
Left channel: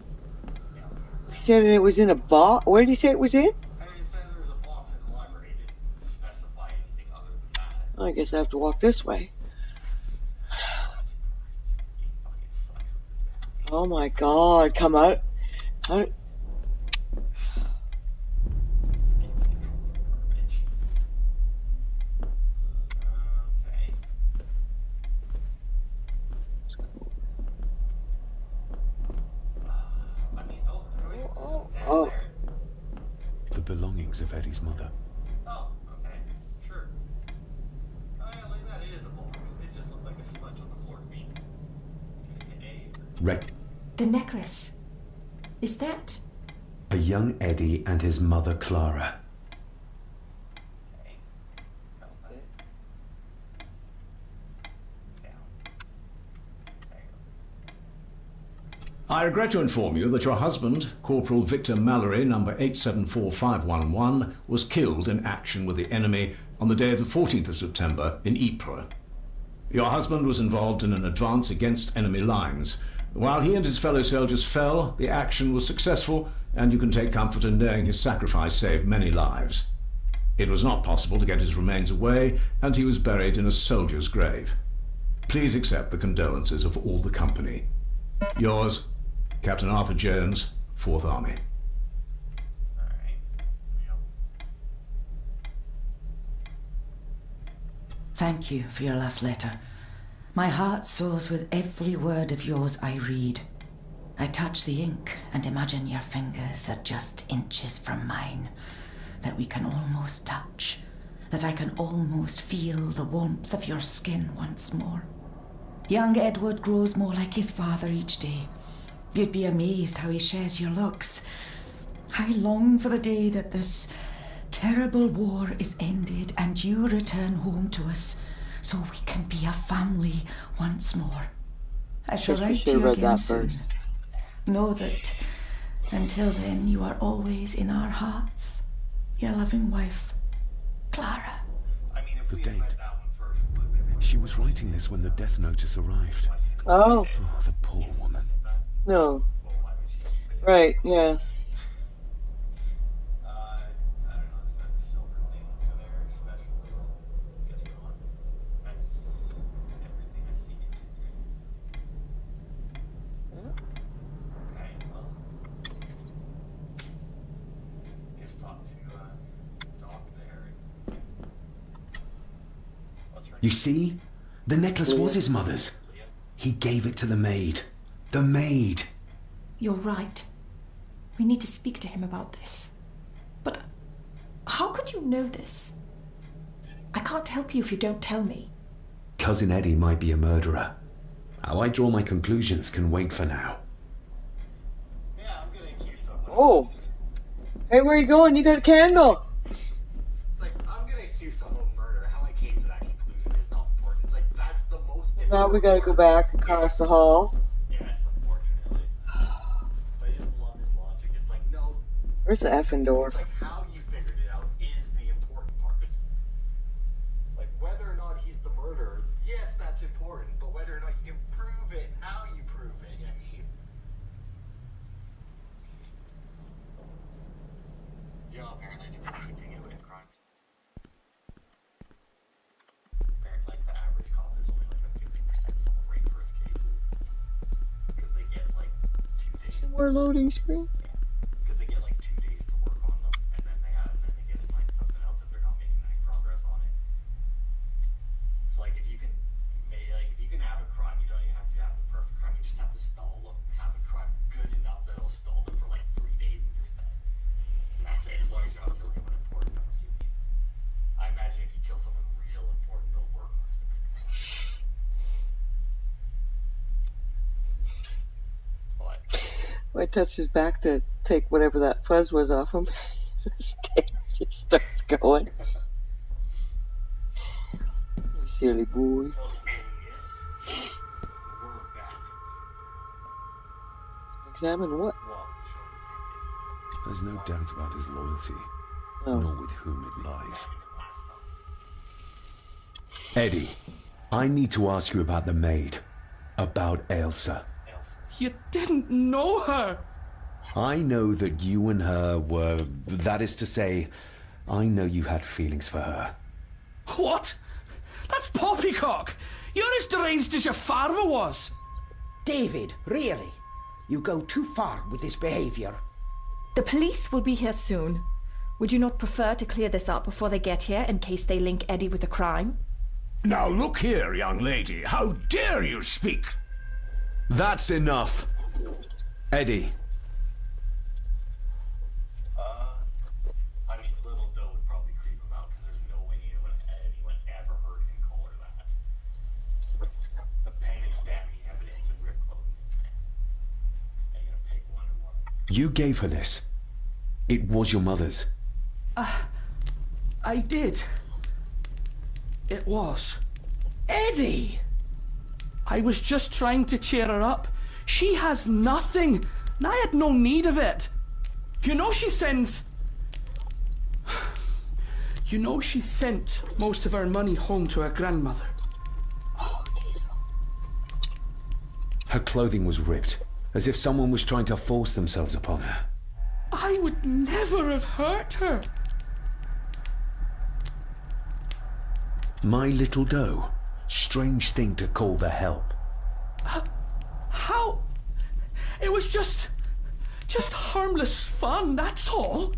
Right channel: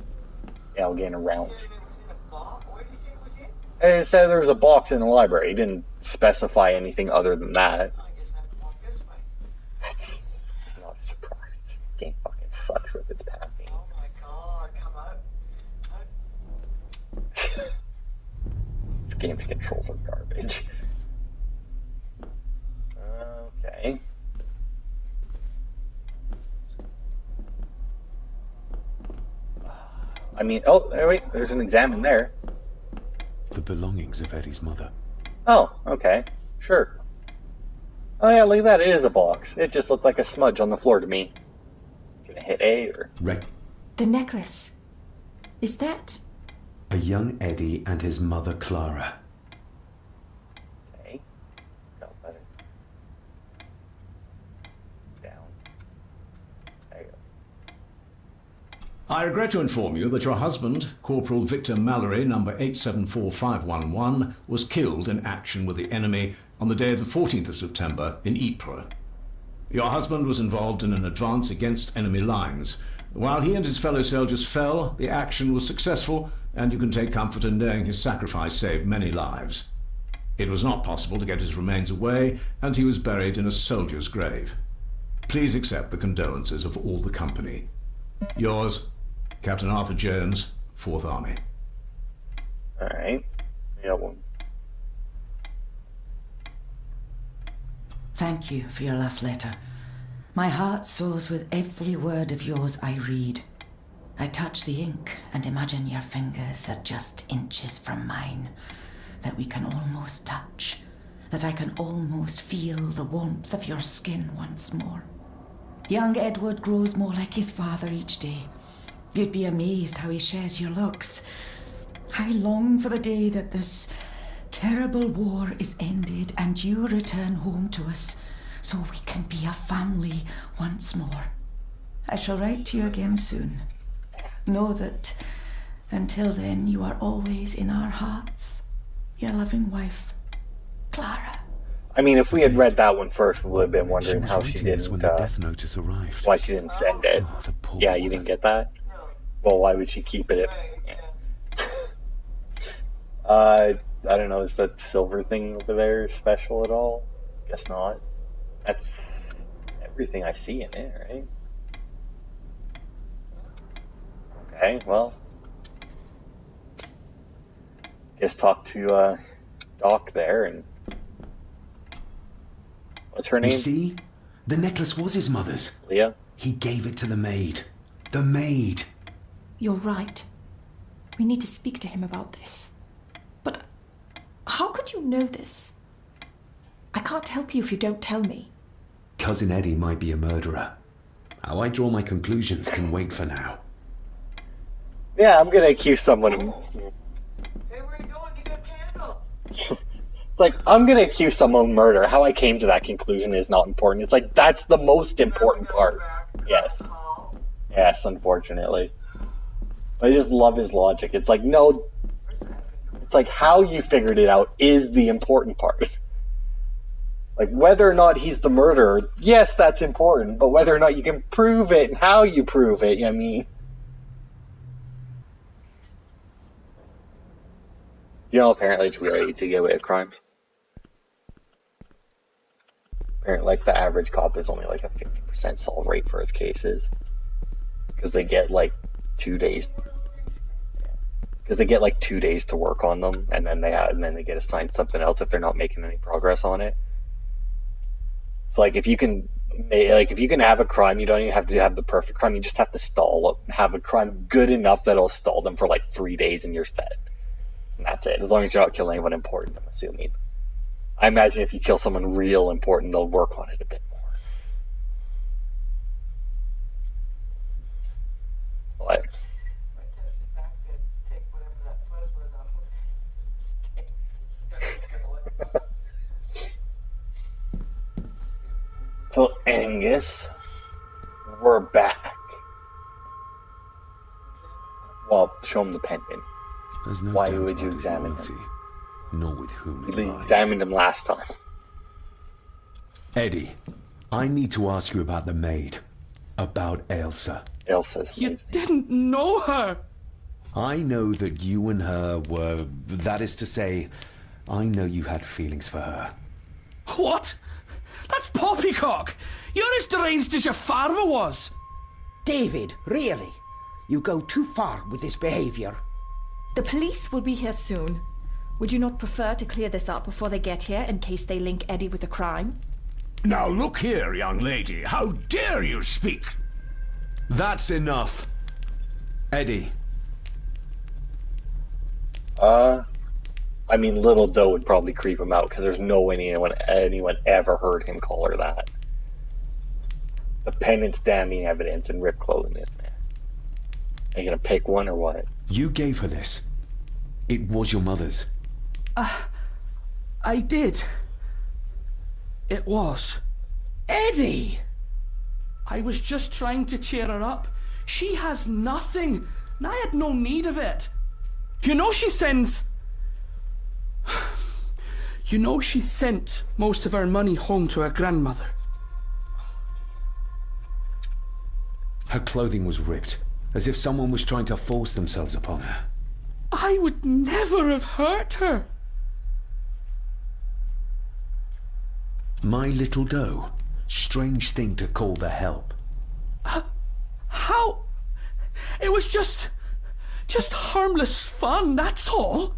Yeah, I'm getting He around. said it was in a box. Where did he say it was in? It said there was a box in the library. He didn't specify anything other than that. I guess I have to walk this way. I'm surprised. This game fucking sucks with its pathing. Oh my god, come out. How, This game's controls are garbage. Okay. I mean, oh, wait, there's an exam in Oh. there. The belongings of Eddie's mother. Oh, okay, sure. Oh yeah, look at that, it is a box. It just looked like a smudge on the floor to me. Gonna hit A or... The necklace. Is that... A young Eddie and his mother Clara. Okay. No, I regret to inform you that your husband, Corporal Victor Mallory, number 874511, was killed in action with the enemy on the day of the 14th of September in Ypres. Your husband was involved in an advance against enemy lines. While he and his fellow soldiers fell, the action was successful, and you can take comfort in knowing his sacrifice saved many lives. It was not possible to get his remains away, and he was buried in a soldier's grave. Please accept the condolences of all the company. Yours, Captain Arthur Jones, 4th Army. All right. We got one. Thank you for your last letter. My heart soars with every word of yours I read. I touch the ink and imagine your fingers are just inches from mine, that we can almost touch, that I can almost feel the warmth of your skin once more. Young Edward grows more like his father each day. You'd be amazed how he shares your looks. I long for the day that this terrible war is ended and you return home to us so we can be a family once more. I shall write to you again soon. Know that until then you are always in our hearts. Your loving wife, Clara. I mean, if we had read that one first, we would have been She wondering was how she writing this didn't, when the death notice arrived. why she didn't Oh. send it. Oh, the poor Yeah, you woman. didn't get that? No. Well, why would she keep it? Right, yeah. I don't know, is that silver thing over there special at all? Guess not. That's everything I see in it, right? Okay, well. Guess talk to Doc there and what's her name? You see? The necklace was his mother's. Leah? He gave it to the maid. The maid! You're right. We need to speak to him about this. But how could you know this? I can't help you if you don't tell me. Cousin Eddie might be a murderer. How I draw my conclusions can wait for now. Yeah, I'm gonna accuse someone of Oh. Hey, where you going? You got a candle. like, I'm gonna accuse someone of murder. How I came to that conclusion is not important. It's like, that's the most Now we important gotta part. go back across the hall. Yes, unfortunately. I just love his logic. It's like, no, Where's the effing door? it's like how you figured it out is the important part. Like, whether or not he's the murderer, yes, that's important, but whether or not you can prove it and how you prove it, I mean... You know, apparently it's really easy to get away with crimes. Apparently, like, the average cop is only like a 50% solve rate for his cases. Because they get, like, 2 days. More loading screen. Because they get, like, 2 days to work on them, and then they get assigned something else if they're not making any progress on it. So, like, if you can have a crime, you don't even have to have the perfect crime. You just have to have a crime good enough that it'll stall them for like 3 days and you're set. And that's it. As long as you're not killing anyone important, I'm assuming. I imagine if you kill someone real important, they'll work on it a bit more. What? I touched his back to take whatever that fuzz was off him. His tail just starts going. Silly boy. So, Angus, we're back. Examine what? Well, show him the pendant. There's no Why doubt would you about his examine loyalty, Oh. nor with whom it We lies. examined him last time. Eddie, I need to ask you about the maid. About Elsa. Elsa's You didn't know her. I know that you and her were... That is to say, I know you had feelings for her. What? That's poppycock. You're as deranged as your father was. David, really? You go too far with this behavior. The police will be here soon. Would you not prefer to clear this up before they get here in case they link Eddie with the crime? Now look here, young lady. How dare you speak? That's enough. Eddie. I mean, Little Doe would probably creep him out because there's no way anyone ever heard him call her that. The pendant's damning evidence and ripped clothing is there. Are you gonna pick one or what? You gave her this. It was your mother's. I did. It was. Eddie! I was just trying to cheer her up. She has nothing, and I had no need of it. You know she sends... You know she sent most of her money home to her grandmother. Her clothing was ripped, as if someone was trying to force themselves upon her. I would never have hurt her. My little doe. Strange thing to call the help. How? It was just harmless fun, that's all.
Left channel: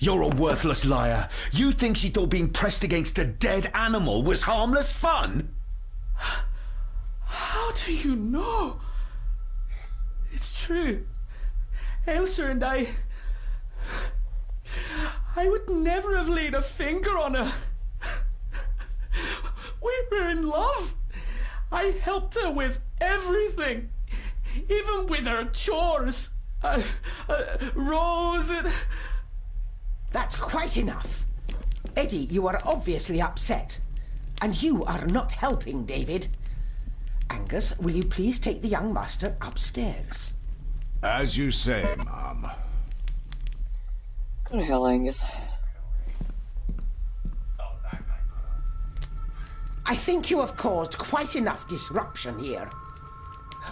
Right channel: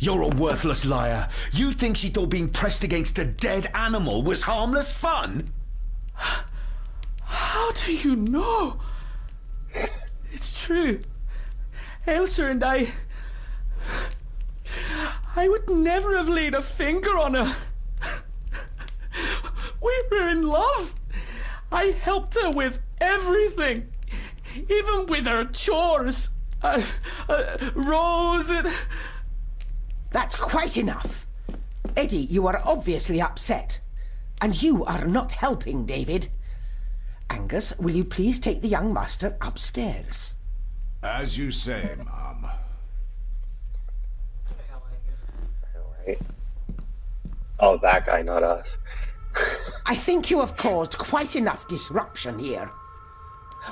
You're a worthless liar. You think she thought being pressed against a dead animal was harmless fun? How do you know? It's true. Elsa and I would never have laid a finger on her. We were in love. I helped her with everything, even with her chores. Rose and... That's quite enough. Eddie, you are obviously upset. And you are not helping, David. Angus, will you please take the young master upstairs? As you say, Mom. What the hell, Angus? Right. Oh, that guy, not us. I think you have caused quite enough disruption here.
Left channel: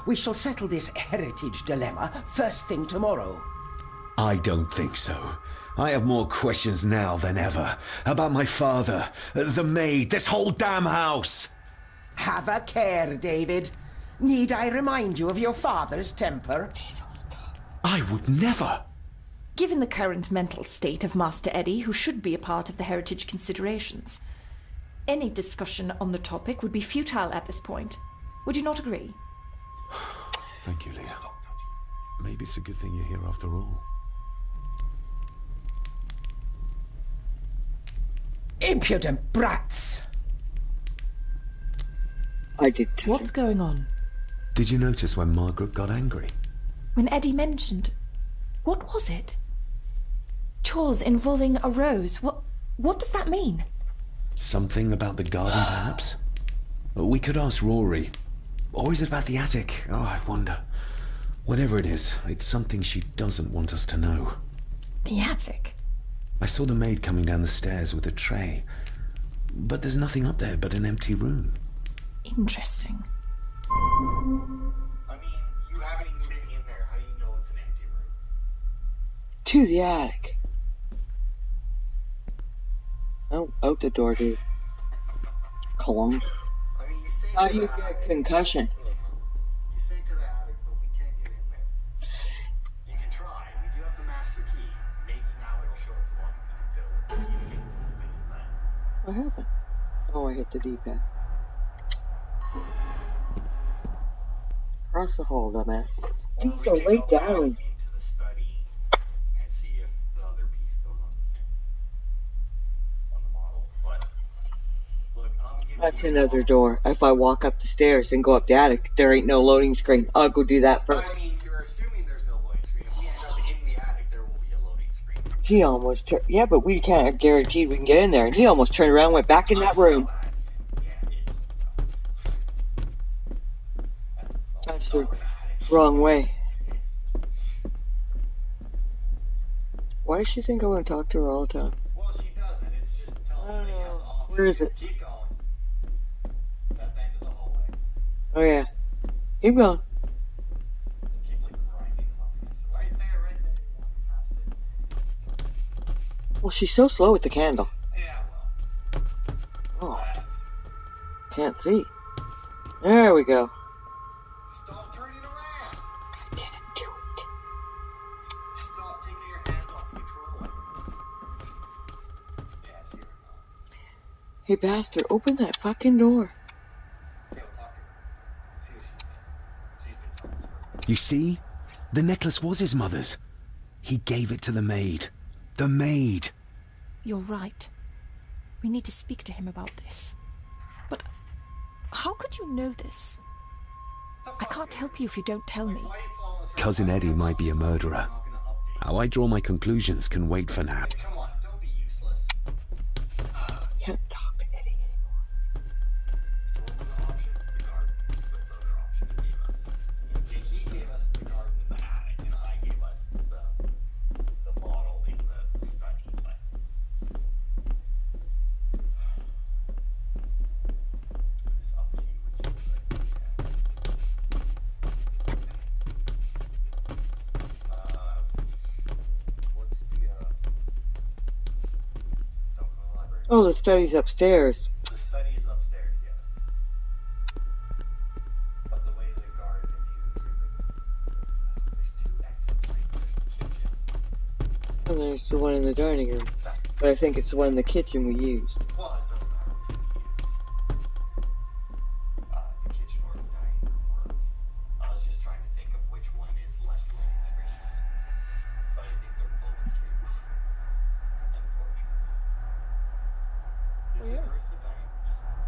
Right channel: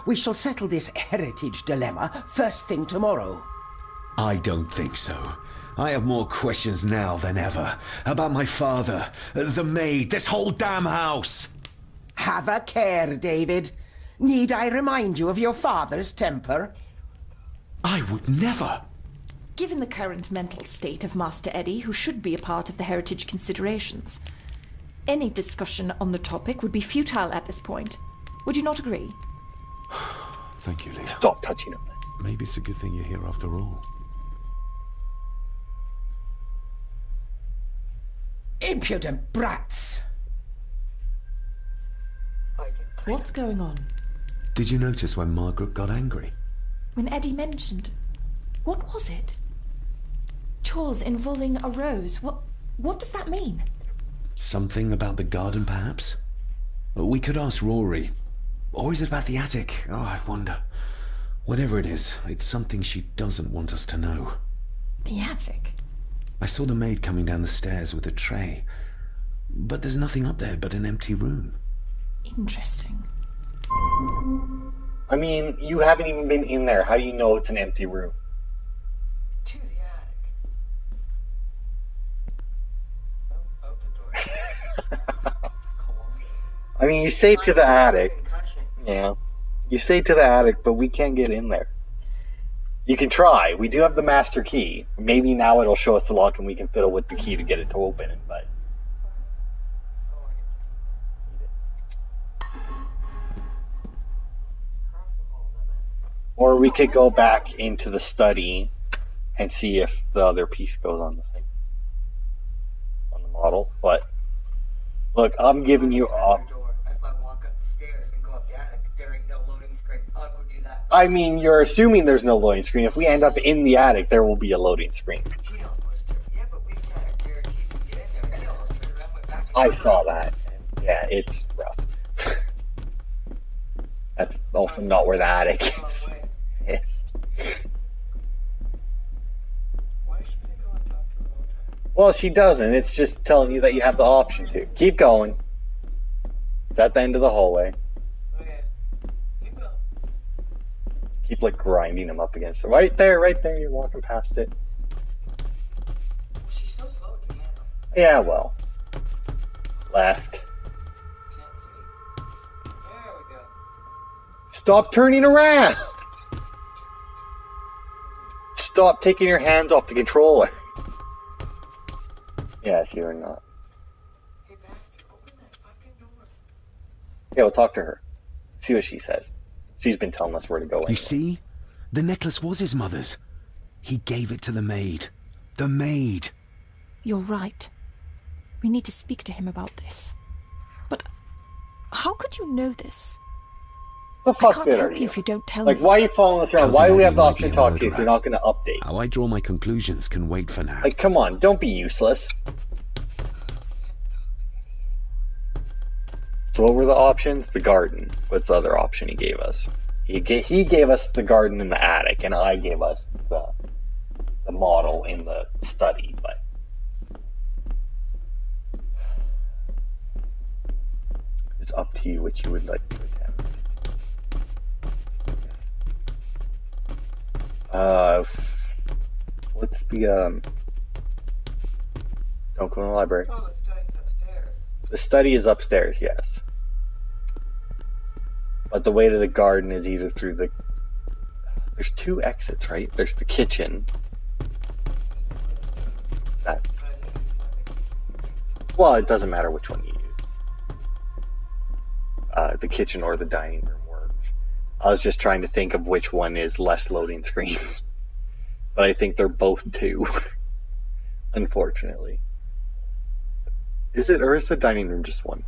We shall settle this heritage dilemma first thing tomorrow. I don't think so. I have more questions now than ever. About my father, the maid, this whole damn house. Have a care, David. Need I remind you of your father's temper? I would never. Given the current mental state of Master Eddie, who should be a part of the heritage considerations, any discussion on the topic would be futile at this point. Would you not agree? Thank you, Leah. Stop touching him. Maybe it's a good thing you're here after all. Impudent brats! I did. What's going on? Did you notice when Margaret got angry? When Eddie mentioned... What was it? Chores involving a rose. What does that mean? Something about the garden, perhaps? We could ask Rory. Or is it about the attic? Oh, I wonder. Whatever it is, it's something she doesn't want us to know. The attic? I saw the maid coming down the stairs with a tray. But there's nothing up there but an empty room. Interesting. I mean, you haven't even been in there. How do you know it's an empty room? To the attic. Oh, out the door, dude. Cologne. I mean, you say to the attic. Concussion. Yeah. You say to the attic, but we can't get in there. You can try. We do have the master key. Maybe now it'll show us the lock and we can fiddle with the key to get it to open it, but... What happened? Oh, I hit the D-pad. Across the hall, dumbass. Or we could go back down. into the study and see if the other piece goes on the thing. On the model, but... Look, I'm giving you another door. If I walk up the stairs and go up the attic, there ain't no loading screen. I'll go do that first. I mean, you're assuming there's no loading screen. If we end up in the attic, there will be a loading screen. He almost turned... Yeah, but we can't guarantee we can get in there. And he almost turned around and went back in that room. I saw that. Yeah, it's rough. That's also not where the attic is. Wrong way. Yes. Why does she think I want to talk to her all the time? Well, she doesn't. It's just telling you that you have the option Where is to. it? Keep going. It's at the end of the hallway. Oh, yeah. Keep going. Keep, like, grinding them up against it. Right there, you're walking past it. Well, she's so slow with the candle. Yeah, well. Oh, Left. can't see. There we go. Stop turning around! I didn't do it. Stop taking your hands off the controller. Yes, you're not. Hey, bastard, open that fucking door. Yeah, we'll talk to her. See what she says. She's been telling us where to go. You see? The necklace was his mother's. He gave it to the maid. The maid! You're right. We need to speak to him about this. But how could you know this? The I fuck can't good are help you if you don't tell me. Like, why are you following us around? Cousin Why do we Eddie have the might option be to a talk to you if murderer. you're not going to update? How I draw my conclusions can wait for now. Like, come on, don't be useless. Can't talk to Eddie. So what were the options? The garden. What's the other option he gave us? He gave us the garden in the attic, and I gave us the model in the study, but it's up to you what you would like to do. What's the don't go in the library. Oh, the study's upstairs. The study is upstairs, yes. But the way to the garden is either through the... There's two exits, right? There's the kitchen. And there's the one in the dining room. But I think it's the one in the kitchen we used. Well, it doesn't matter which one you use. The kitchen or the dining room works. I was just trying to think of which one is less loading screens. But I think they're both two. Unfortunately. Is it, or is the dining room just one?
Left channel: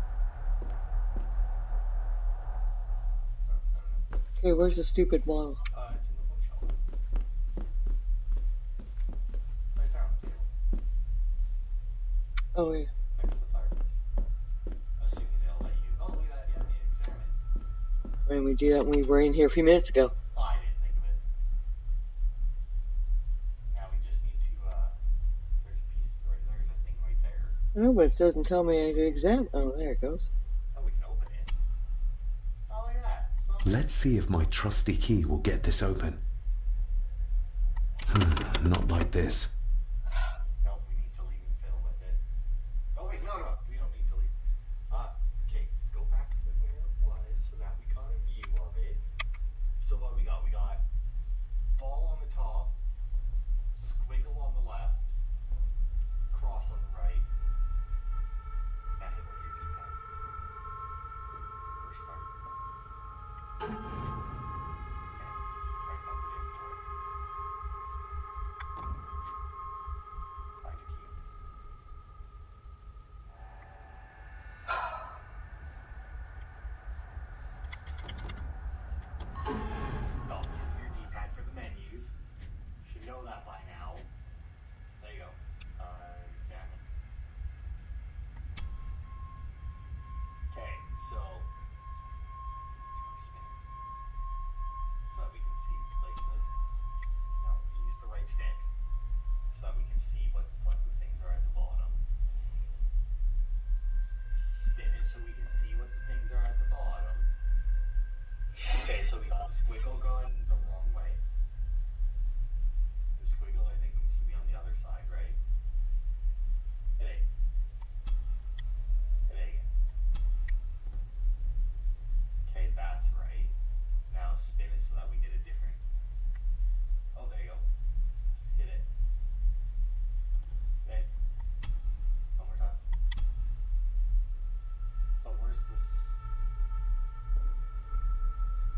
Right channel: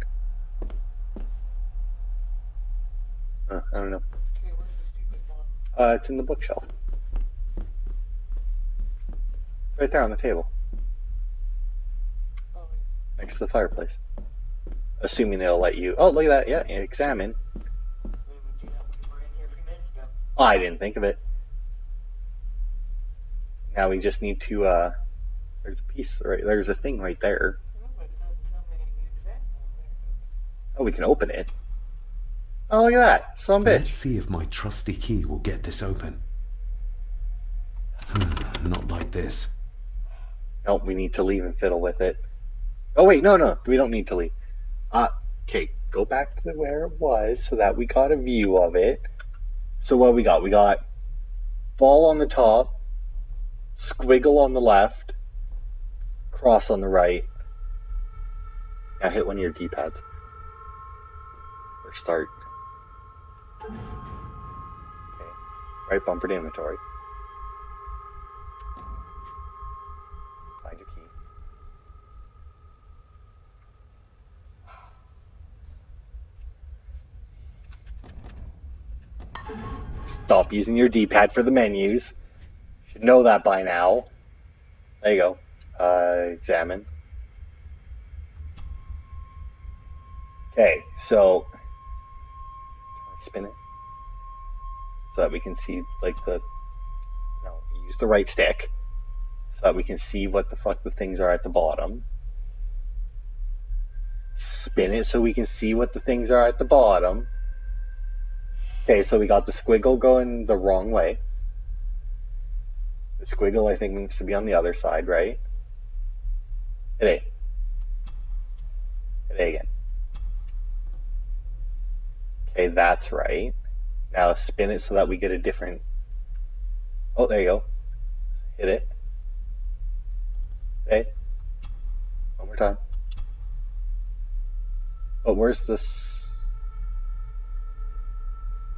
I don't know. Hey, where's the stupid model? It's in the bookshelf. Right there on the table. Oh, yeah. Next to the fireplace. Assuming it'll let you... Oh, look at that. Yeah, examine. And we do that when we were in here a few minutes ago. Oh, I didn't think of it. Now we just need to, there's a piece, right, there's a thing right there. No, but it doesn't tell me I to examine. Oh, there it goes. Oh, we can open it. Oh, look at that. Some bitch. Let's see if my trusty key will get this open. Not like this. Nope, we need to leave and fiddle with it. Oh, wait, no, we don't need to leave. Okay, go back to where it was so that we got a view of it. So what we got? We got ball on the top, squiggle on the left, cross on the right. Now hit one of your D-pads. Or start. Okay. Right bumper to inventory. Find your key. Stop using your D-pad for the menus. You should know that by now. There you go. Examine. Okay, so spin it so that we can see, like, use the right stick so that we can see what the fuck the things are at the bottom. Spin it so we can see what the things are at the bottom. Okay, so we got the squiggle going the wrong way. The squiggle, I think, needs to be on the other side, right? Hit A. Hit A again. Okay, that's right. Now spin it so that we get a different... Oh, there you go. Hit it. Okay. One more time. But where's this?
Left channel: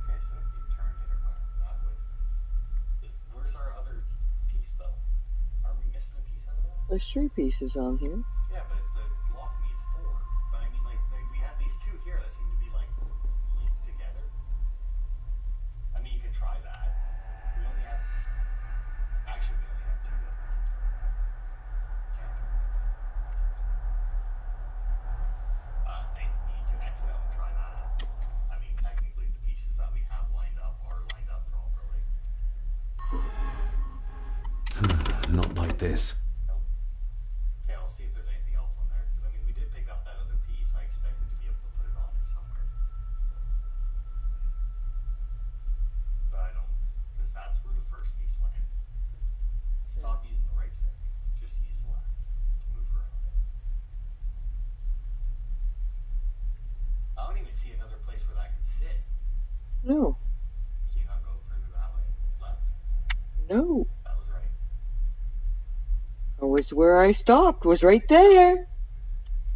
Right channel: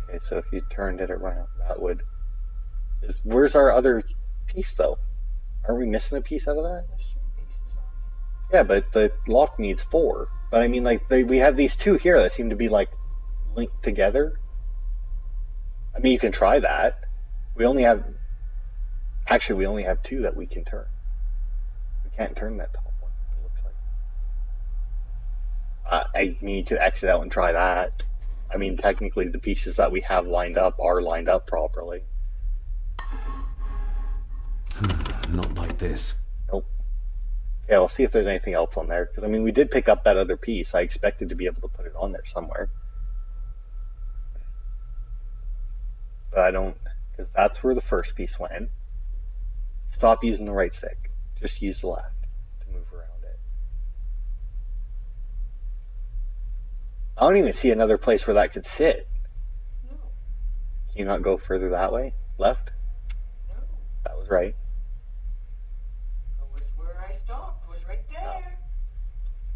Okay, so if you turned it around, that would... Where's our other piece, though? Are we missing a piece out of that? There's 3 pieces on here. Yeah, but the lock needs 4. But I mean, like, we have these 2 here that seem to be, like, linked together. I mean, you can try that. We only have... Actually, we only have 2 that we can turn. We can't turn that top one. I need to exit out and try that. I mean, technically, the pieces that we have lined up are lined up properly. Not like this. Nope. Yeah, we'll see if there's anything else on there. Because, I mean, we did pick up that other piece. I expected to be able to put it on there somewhere. But I don't... Because that's where the first piece went. Stop using the right stick. Just use the left to move around it. I don't even see another place where that could sit. No. Can you not go further that way? Left? No. That was right. It was where I stopped. Was right there.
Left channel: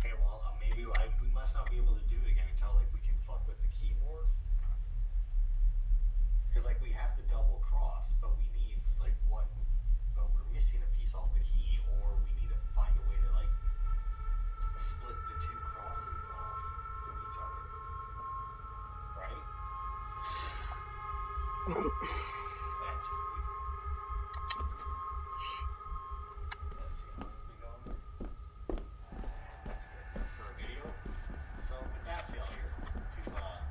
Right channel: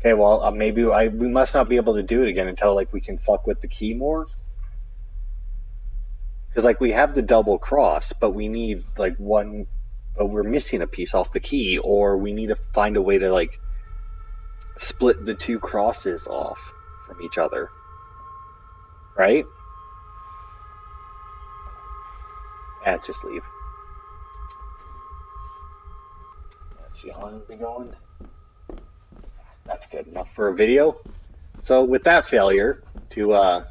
Okay, well, maybe we must not be able to do it again until, like, we can fuck with the key more. Because, like, we have the double cross, but we need, like, one... But we're missing a piece off the key, or we need to find a way to, like, split the 2 crosses off from each other. Right? Yeah, just leave. Let's see how long we've been going. That's good enough for a video. So with that failure to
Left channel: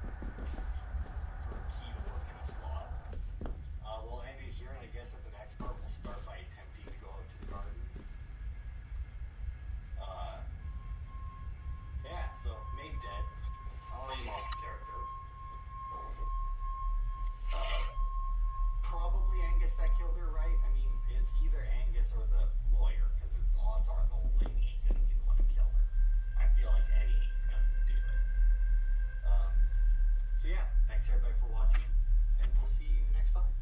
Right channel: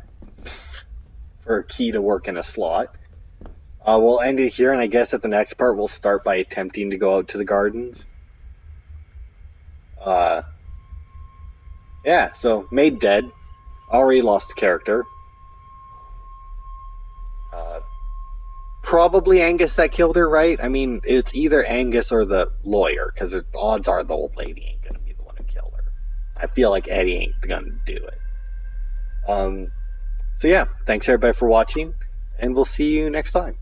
or a key to work in a slot. We'll end it here, and I guess at the next part we'll start by attempting to go out to the gardens. Yeah, so Maid dead. Already lost the character. Probably Angus that killed her, right? I mean, it's either Angus or the lawyer, because the odds are the old lady ain't gonna be the one to kill her. I feel like Eddie ain't gonna do it. So yeah, thanks everybody for watching, and we'll see you next time.